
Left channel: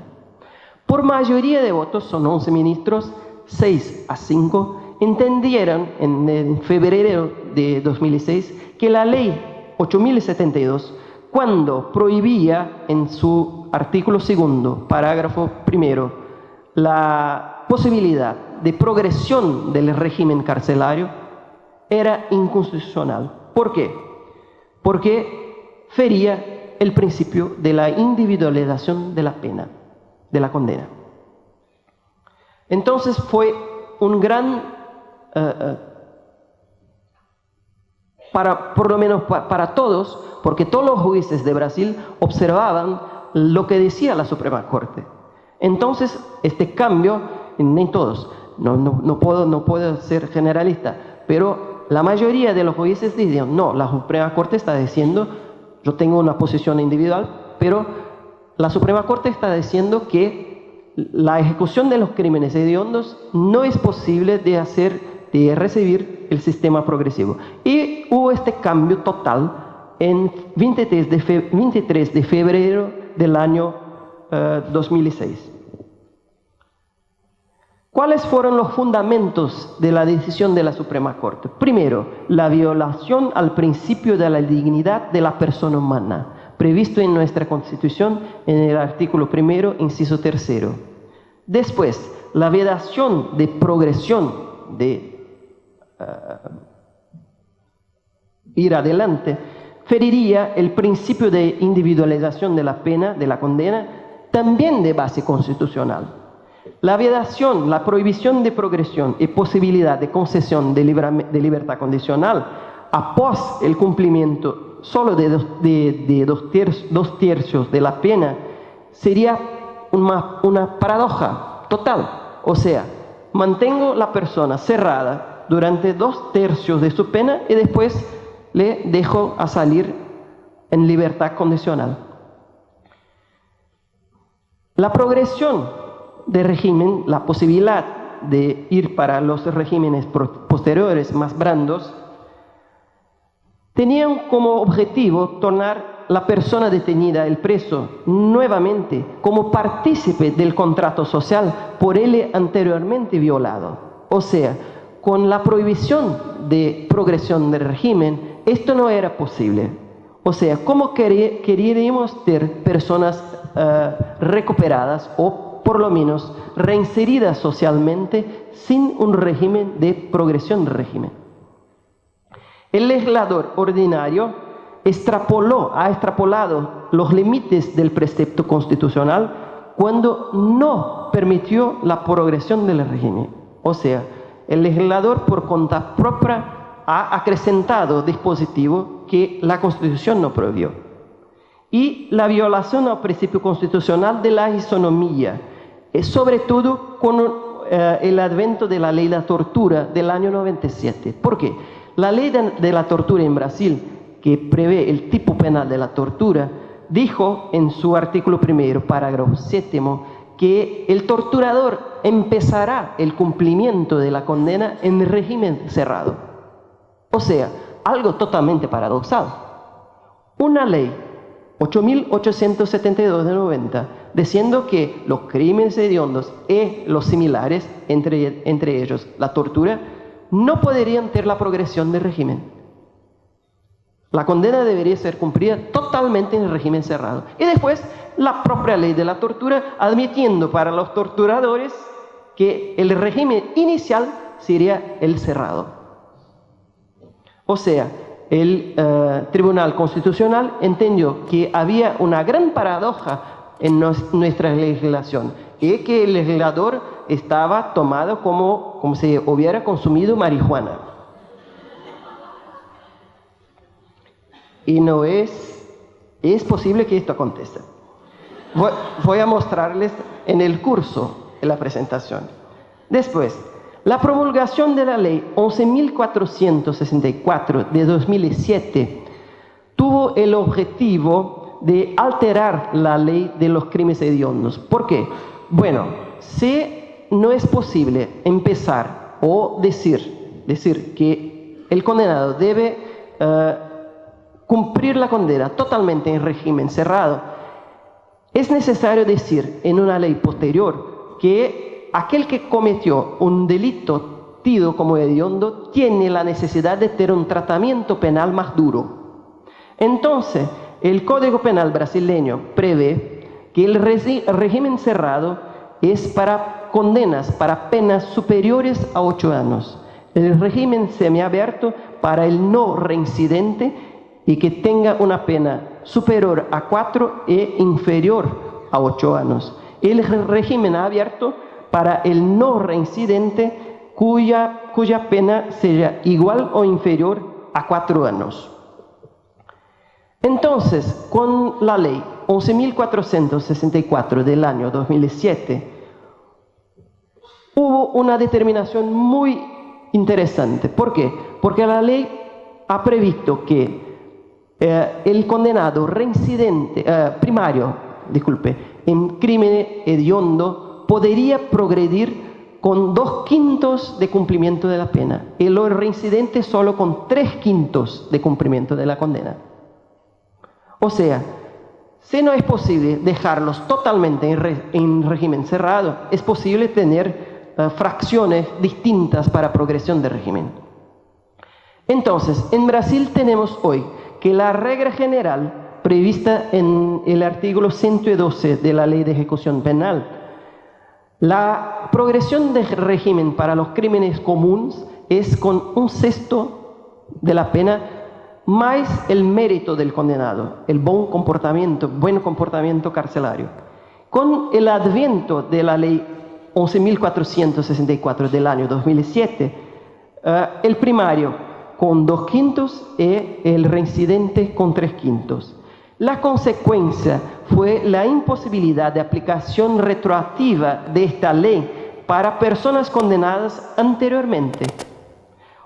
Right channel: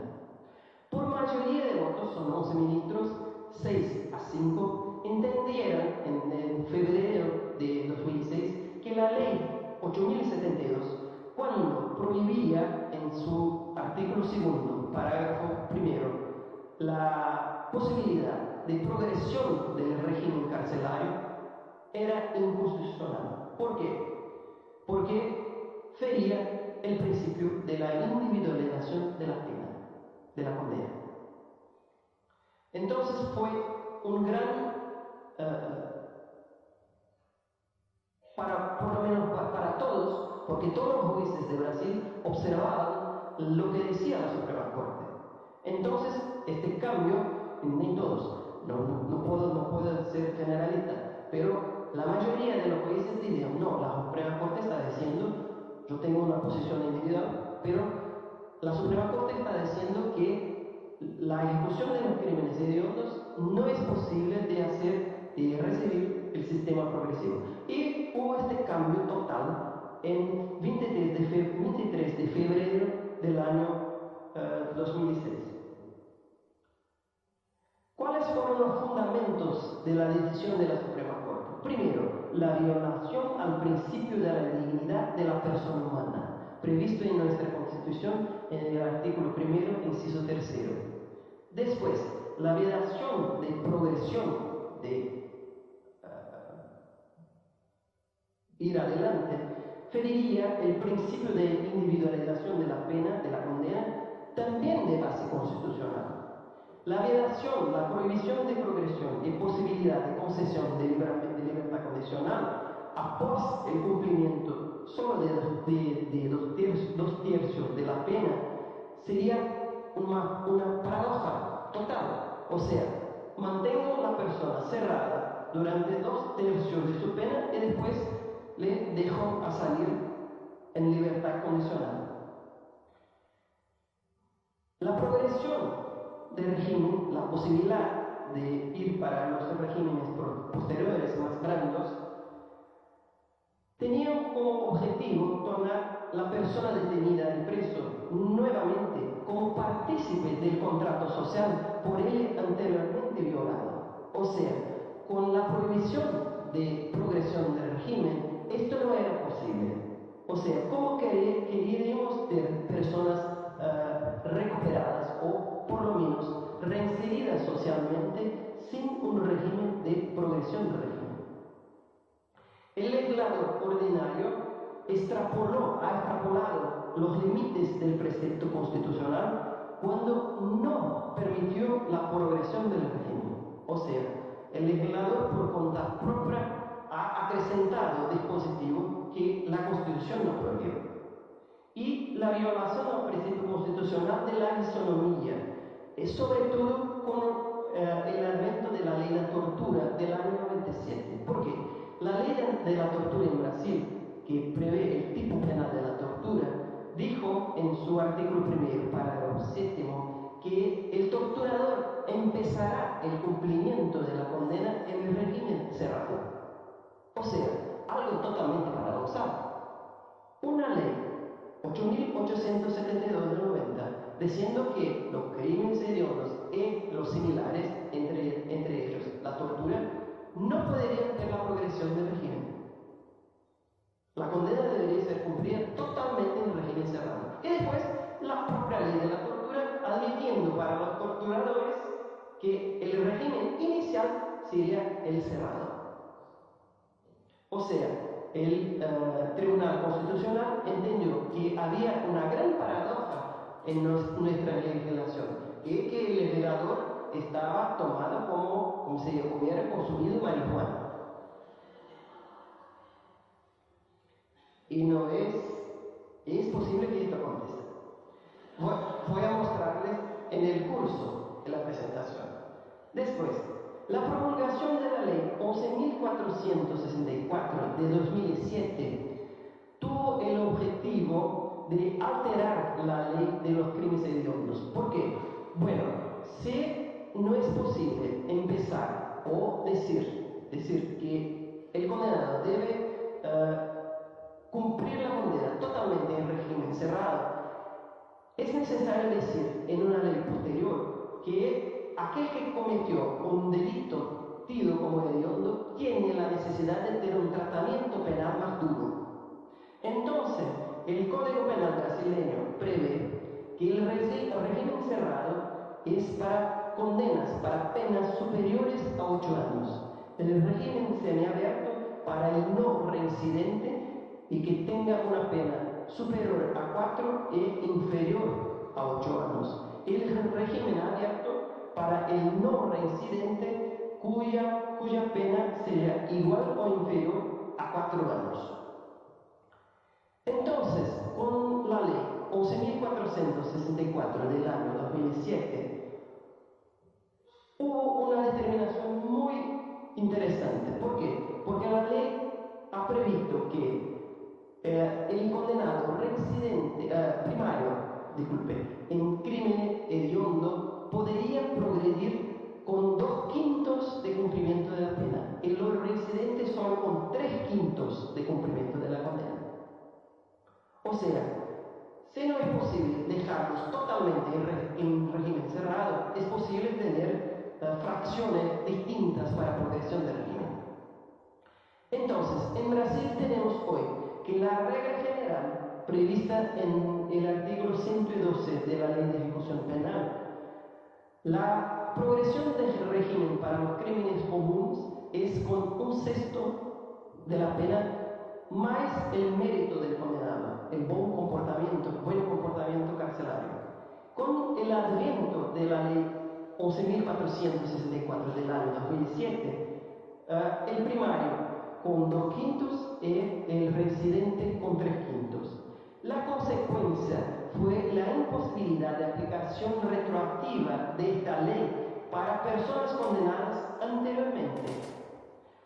Por mayoría de votos, son 11 ministros, 6-5, entendieron en febrero de 2006 que la ley 8072, cuando prohibía en su artículo 2, parágrafo 1, la posibilidad de progresión del régimen carcelario, era inconstitucional. ¿Por qué? Porque fería el principio de la individualización de la pena, de la condena. Entonces fue un gran, por lo menos para todos, porque todos los jueces de Brasil observaban lo que decía la Suprema Corte. Entonces, este cambio, en todos, no puedo ser generalista, pero la mayoría de los jueces decían, no, la Suprema Corte está diciendo, yo tengo una posición individual, pero la Suprema Corte está diciendo que la ejecución de los crímenes hediondos no es posible de recibir el sistema progresivo. Y hubo este cambio total en 23 de febrero del año 2006. ¿Cuáles fueron los fundamentos de la decisión de la Suprema Corte? Primero, la violación al principio de la dignidad de la persona humana, previsto en nuestra Constitución en el artículo 1, inciso 3. Después, la vedación de progresión de ir adelante, feriría el principio de individualización de la pena, de la condena, también de base constitucional. La vedación, la prohibición de progresión y posibilidad de concesión de libertad condicional após el cumplimiento solo de dos tercios de la pena sería una paradoja total. O sea, mantengo la persona cerrada durante 2 tercios de su pena y después le dejo a salir en libertad condicional. La progresión de régimen, la posibilidad de ir para los regímenes posteriores más blandos, tenían como objetivo tornar la persona detenida, el preso, nuevamente como partícipe del contrato social por él anteriormente violado. O sea, con la prohibición de progresión del régimen, esto no era posible. O sea, ¿cómo queríamos tener personas recuperadas o por lo menos reinseridas socialmente sin un régimen de progresión del régimen? El legislador ordinario ha extrapolado los límites del precepto constitucional cuando no permitió la progresión del régimen. O sea, el legislador por cuenta propia ha acrecentado dispositivos que la Constitución no prohibió. Y la violación al principio constitucional de la isonomía, sobre todo con el advento de la ley de la tortura del año 97. ¿Por qué? La ley de la tortura en Brasil, que prevé el tipo penal de la tortura, dijo en su artículo 1, parágrafo 7, que el torturador empezará el cumplimiento de la condena en régimen cerrado. O sea, algo totalmente paradoxal. Una ley 8.872 de 90, diciendo que los crímenes hediondos y los similares, entre ellos la tortura, no podrían tener la progresión del régimen. La condena debería ser cumplida totalmente en el régimen cerrado. Y después, la propia ley de la tortura, admitiendo para los torturadores que el régimen inicial sería el cerrado. O sea, el Tribunal Constitucional entendió que había una gran paradoja en nuestra legislación y que el legislador estaba tomado como si hubiera consumido marihuana. Y no es posible que esto acontezca. Voy a mostrarles en el curso de la presentación. Después, la promulgación de la ley 11.464 de 2007 tuvo el objetivo de alterar la ley de los crímenes hediondos. ¿Por qué? Bueno, si no es posible empezar o decir que el condenado debe cumplir la condena totalmente en régimen cerrado, es necesario decir en una ley posterior que aquel que cometió un delito tido como hediondo tiene la necesidad de tener un tratamiento penal más duro. Entonces, el Código Penal brasileño prevé que el régimen cerrado es para condenas, para penas superiores a 8 años. El régimen semiabierto para el no reincidente y que tenga una pena superior a 4 e inferior a 8 años. El régimen abierto para el no reincidente cuya pena sea igual o inferior a 4 años. Entonces, con la ley 11.464 del año 2007, hubo una determinación muy interesante. ¿Por qué? Porque la ley ha previsto que el condenado reincidente, en crimen hediondo podría progredir con 2/5 de cumplimiento de la pena y el reincidente solo con 3/5 de cumplimiento de la condena. O sea, si no es posible dejarlos totalmente en régimen cerrado, es posible tener fracciones distintas para progresión del régimen. Entonces, en Brasil tenemos hoy que la regla general prevista en el artículo 112 de la Ley de Ejecución Penal, la progresión del régimen para los crímenes comunes es con 1/6 de la pena más el mérito del condenado, el buen comportamiento carcelario. Con el adviento de la ley 11.464 del año 2007, el primario con 2/5 y el reincidente con 3/5. La consecuencia fue la imposibilidad de aplicación retroactiva de esta ley para personas condenadas anteriormente.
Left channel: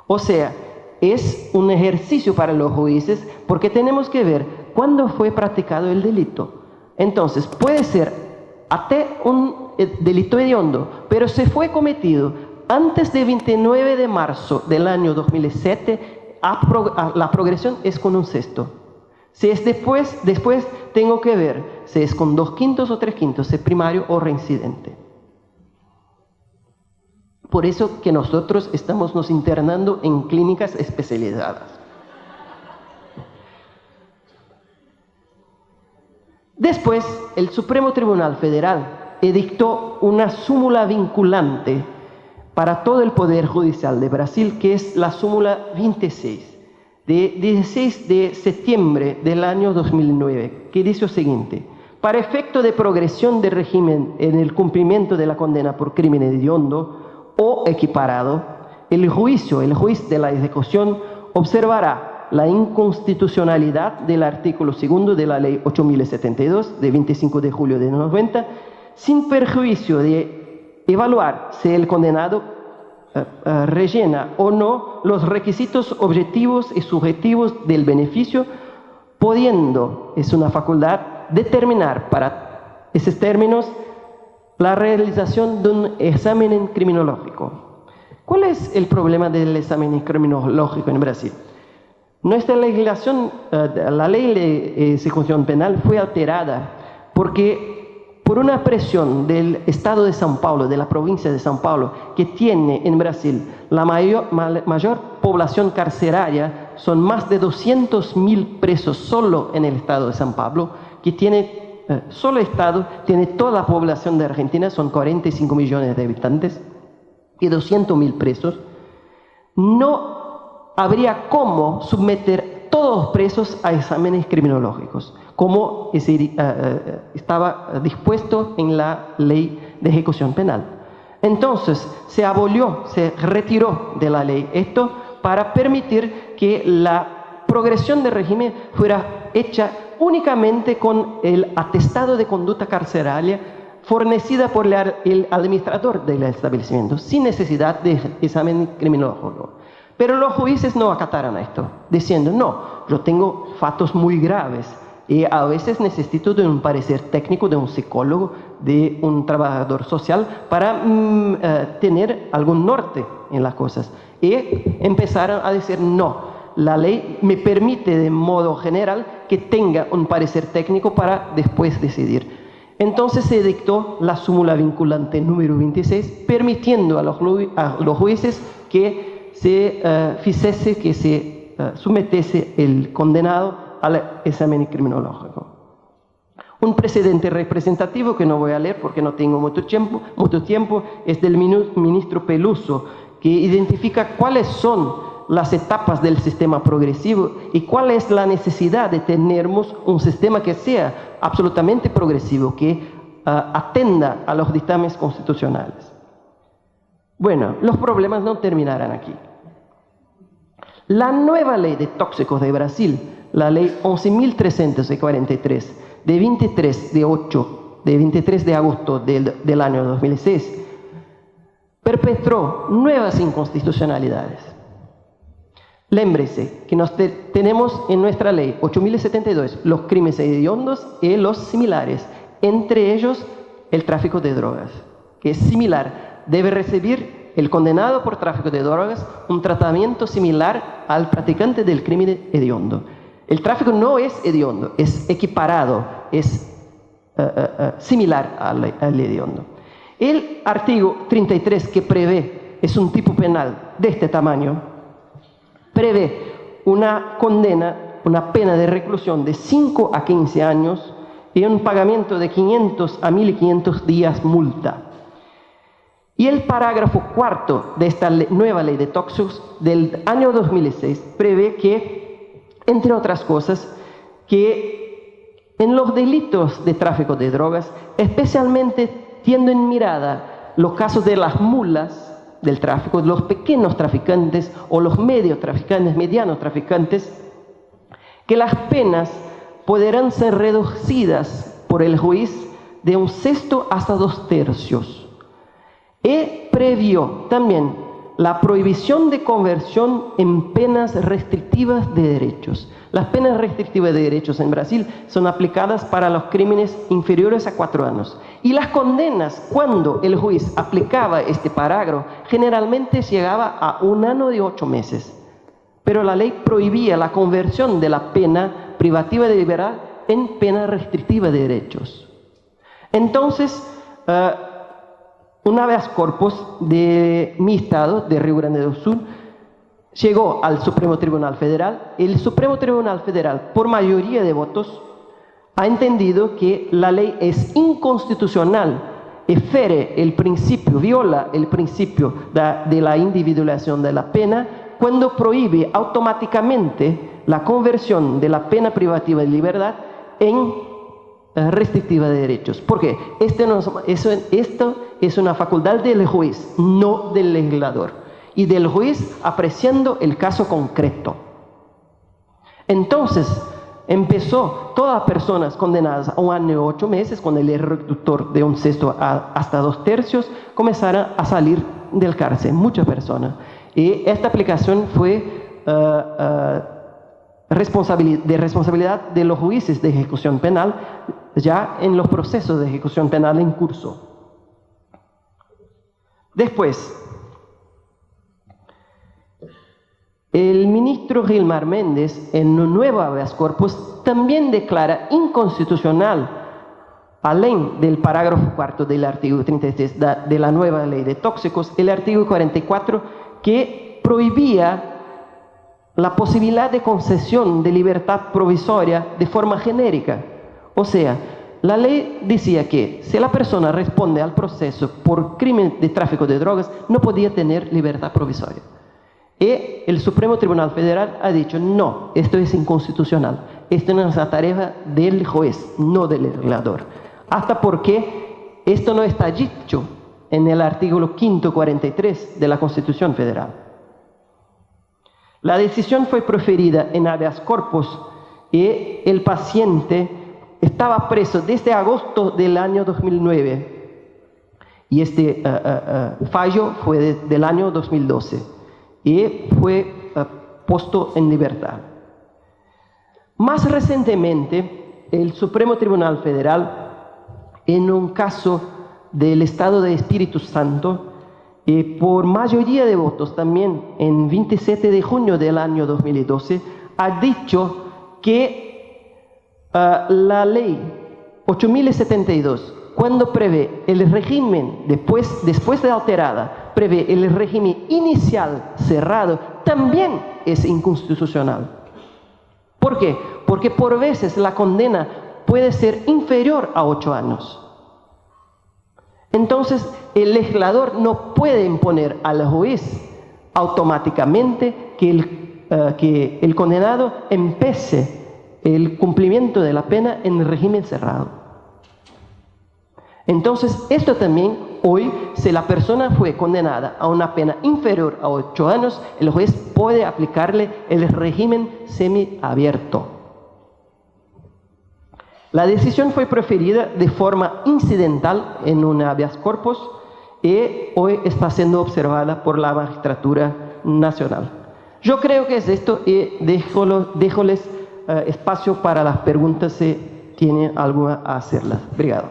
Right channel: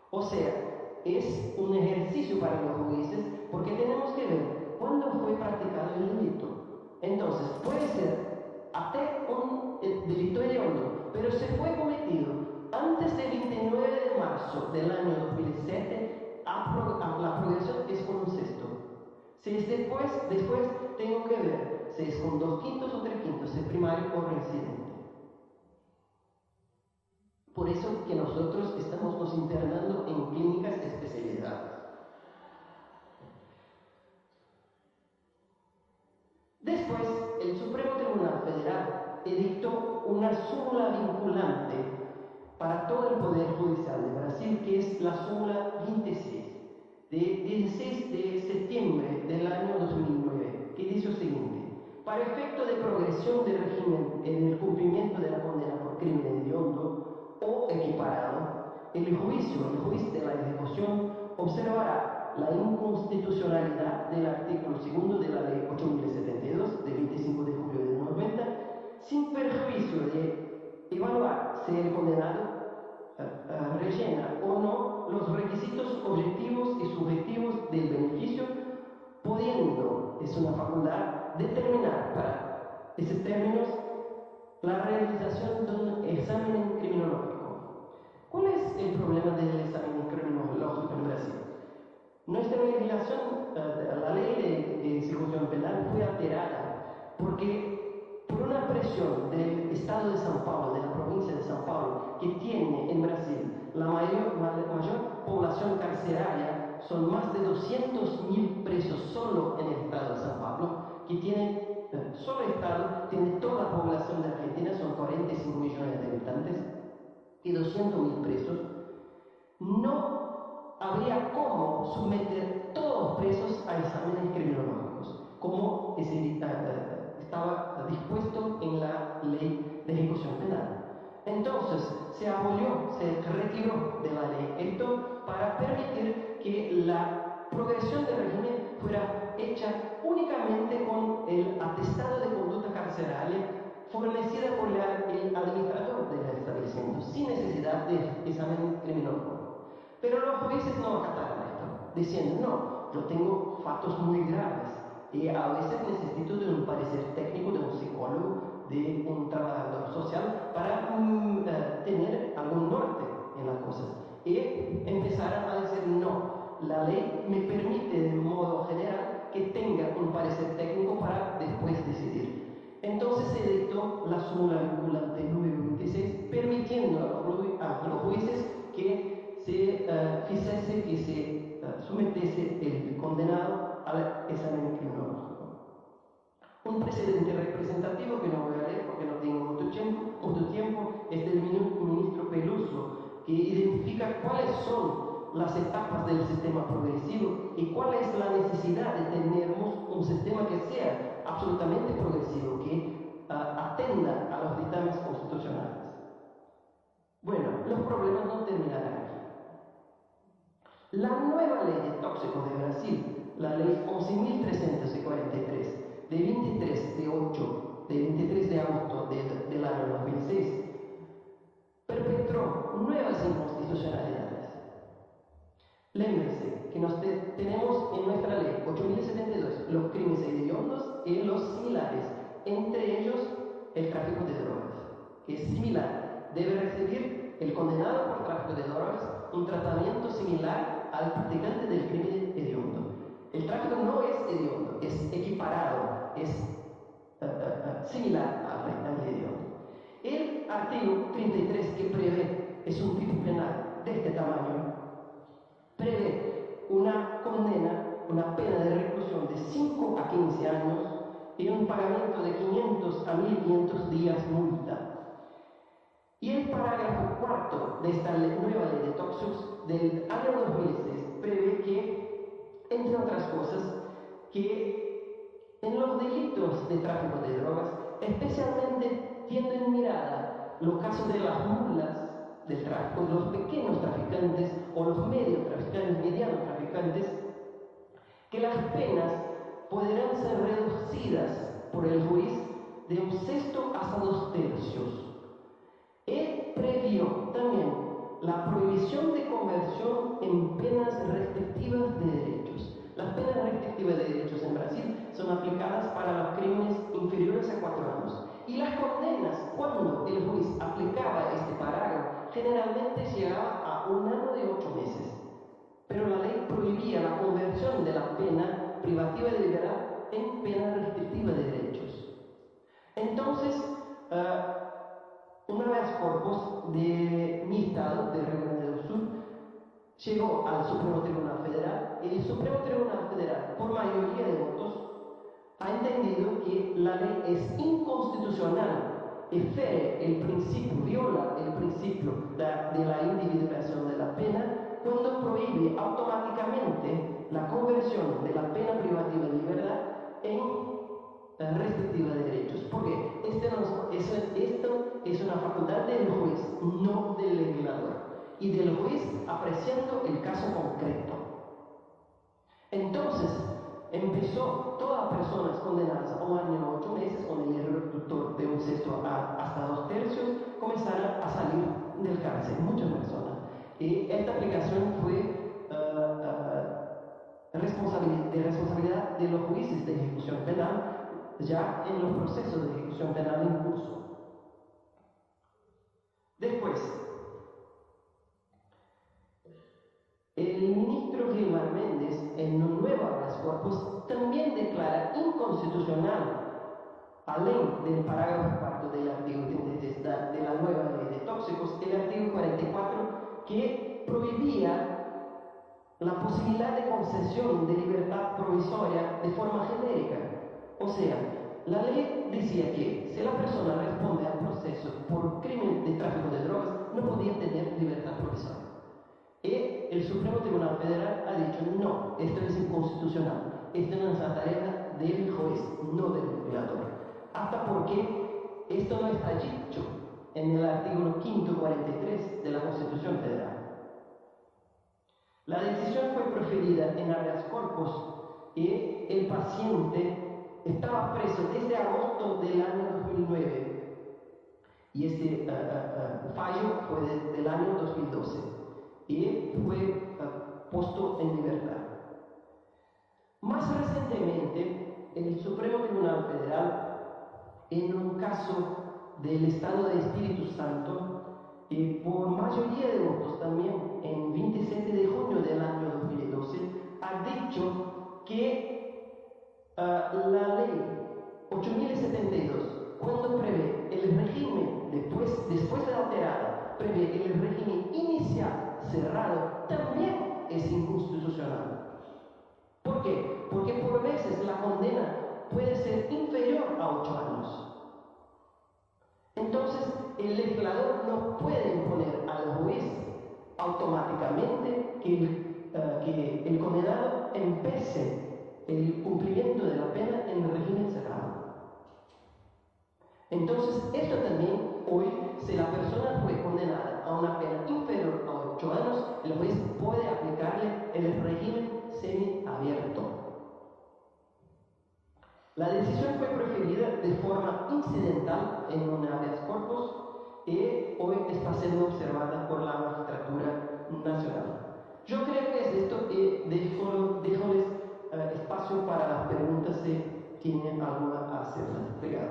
O sea, es un ejercicio para los jueces porque tenemos que ver cuándo fue practicado el delito. Entonces, puede ser hasta un delito hediondo, pero se fue cometido antes del 29 de marzo del año 2007, la progresión es con 1/6. Si es después tengo que ver si es con 2/5 o 3/5, si es primario o reincidente. Por eso que nosotros estamos nos internando en clínicas especializadas. Después, el Supremo Tribunal Federal edictó una súmula vinculante para todo el Poder Judicial de Brasil, que es la súmula 26, de 16 de septiembre del año 2009, que dice lo siguiente: para efecto de progresión del régimen en el cumplimiento de la condena por crimen hediondo o equiparado, el juez de la ejecución observará la inconstitucionalidad del artículo 2 de la Ley 8.072 de 25 de julio de 90, sin perjuicio de evaluar si el condenado rellena o no los requisitos objetivos y subjetivos del beneficio, pudiendo, es una facultad, determinar para esos términos la realización de un examen criminológico. ¿Cuál es el problema del examen criminológico en Brasil? Nuestra legislación, la ley de ejecución penal fue alterada porque por una presión del Estado de São Paulo, de la provincia de São Paulo, que tiene en Brasil la mayor población carceraria, son más de 200.000 presos solo en el Estado de São Paulo, que tiene, solo el Estado tiene toda la población de Argentina, son 45 millones de habitantes, y 200.000 presos, no habría cómo someter todos los presos a exámenes criminológicos, como estaba dispuesto en la ley de ejecución penal. Entonces, se abolió, se retiró de la ley esto para permitir que la progresión del régimen fuera hecha únicamente con el atestado de conducta carceraria fornecida por el administrador del establecimiento, sin necesidad de examen criminológico. Pero los jueces no acataron esto, diciendo, no, yo tengo fatos muy graves y a veces necesito de un parecer técnico, de un psicólogo, de un trabajador social para tener algún norte en las cosas. Y empezaron a decir, no, la ley me permite de modo general que tenga un parecer técnico para después decidir. Entonces se dictó la súmula vinculante número 26, permitiendo a los jueces que se sometiese el condenado al examen criminológico. Un precedente representativo que no voy a leer porque no tengo mucho tiempo es del ministro Peluso, que identifica cuáles son las etapas del sistema progresivo y cuál es la necesidad de tener un sistema que sea absolutamente progresivo, que atenda a los dictámenes constitucionales. Bueno, los problemas no terminarán aquí. La nueva ley de tóxicos de Brasil, la ley 11.343, de 23 de agosto del año 2006, perpetró nuevas inconstitucionalidades. Lémbrese que tenemos en nuestra ley 8.072 los crímenes hediondos y los similares, entre ellos el tráfico de drogas, que es similar. Debe recibir el condenado por tráfico de drogas un tratamiento similar al practicante del crimen hediondo. El tráfico no es hediondo, es equiparado, es similar al hediondo. El artículo 33 que prevé, es un tipo penal de este tamaño, prevé una condena, una pena de reclusión de 5 a 15 años y un pagamiento de 500 a 1.500 días multa. Y el parágrafo cuarto de esta nueva ley de tóxicos del año 2006 prevé que, entre otras cosas, que en los delitos de tráfico de drogas, especialmente teniendo en mirada los casos de las mulas del tráfico, los pequeños traficantes o los medianos traficantes, que las penas podrán ser reducidas por el juez de 1/6 hasta 2/3. Y previó también la prohibición de conversión en penas restrictivas de derechos. Las penas restrictivas de derechos en Brasil son aplicadas para los crímenes inferiores a 4 años. Y las condenas, cuando el juez aplicaba este parágrafo, generalmente llegaba a 1 año y 8 meses. Pero la ley prohibía la conversión de la pena privativa de libertad en pena restrictiva de derechos. Entonces, un habeas corpus de mi estado, de Río Grande do Sul, llegó al Supremo Tribunal Federal. El Supremo Tribunal Federal, por mayoría de votos, ha entendido que la ley es inconstitucional y viola el principio de la individualización de la pena cuando prohíbe automáticamente la conversión de la pena privativa de libertad en restrictiva de derechos. Porque esto es una facultad del juez, no del legislador, y del juez apreciando el caso concreto. Entonces, empezó todas las personas condenadas a 1 año y 8 meses, con el error reductor de 1/6 hasta 2/3, comenzaron a salir del cárcel, muchas personas. Y esta aplicación fue de responsabilidad de los jueces de ejecución penal, ya en los procesos de ejecución penal en curso. Después, el ministro Gilmar Méndez, en un nuevo habeas corpus, también declara inconstitucional, além del parágrafo 4 del artículo 33 de la nueva ley de tóxicos, el artículo 44, que prohibía la posibilidad de concesión de libertad provisoria de forma genérica. O sea, la ley decía que si la persona responde al proceso por crimen de tráfico de drogas, no podía tener libertad provisoria. Y el Supremo Tribunal Federal ha dicho, no, esto es inconstitucional. Esto no es la tarea del juez, no del legislador. Hasta porque esto no está dicho en el artículo 543 de la Constitución Federal. La decisión fue proferida en habeas corpus y el paciente estaba preso desde agosto del año 2009. Y este fallo fue del año 2012. Y fue puesto en libertad. Más recientemente, el Supremo Tribunal Federal, en un caso del Estado de Espíritu Santo, por mayoría de votos también, en 27 de junio del año 2012, ha dicho que la ley 8072, cuando prevé el régimen, después de alterada, prevé el régimen inicial cerrado, también es inconstitucional. ¿Por qué? Porque por veces la condena puede ser inferior a 8 años. Entonces, el legislador no puede imponer al juez automáticamente que el condenado empiece el cumplimiento de la pena en régimen cerrado. Entonces, esto también hoy, si la persona fue condenada a una pena inferior a 8 años, el juez puede aplicarle el régimen semiabierto. La decisión fue proferida de forma incidental en un habeas corpus y hoy está siendo observada por la Magistratura Nacional. Yo creo que es esto y déjoles espacio para las preguntas si tienen alguna a hacerlas. Obrigado.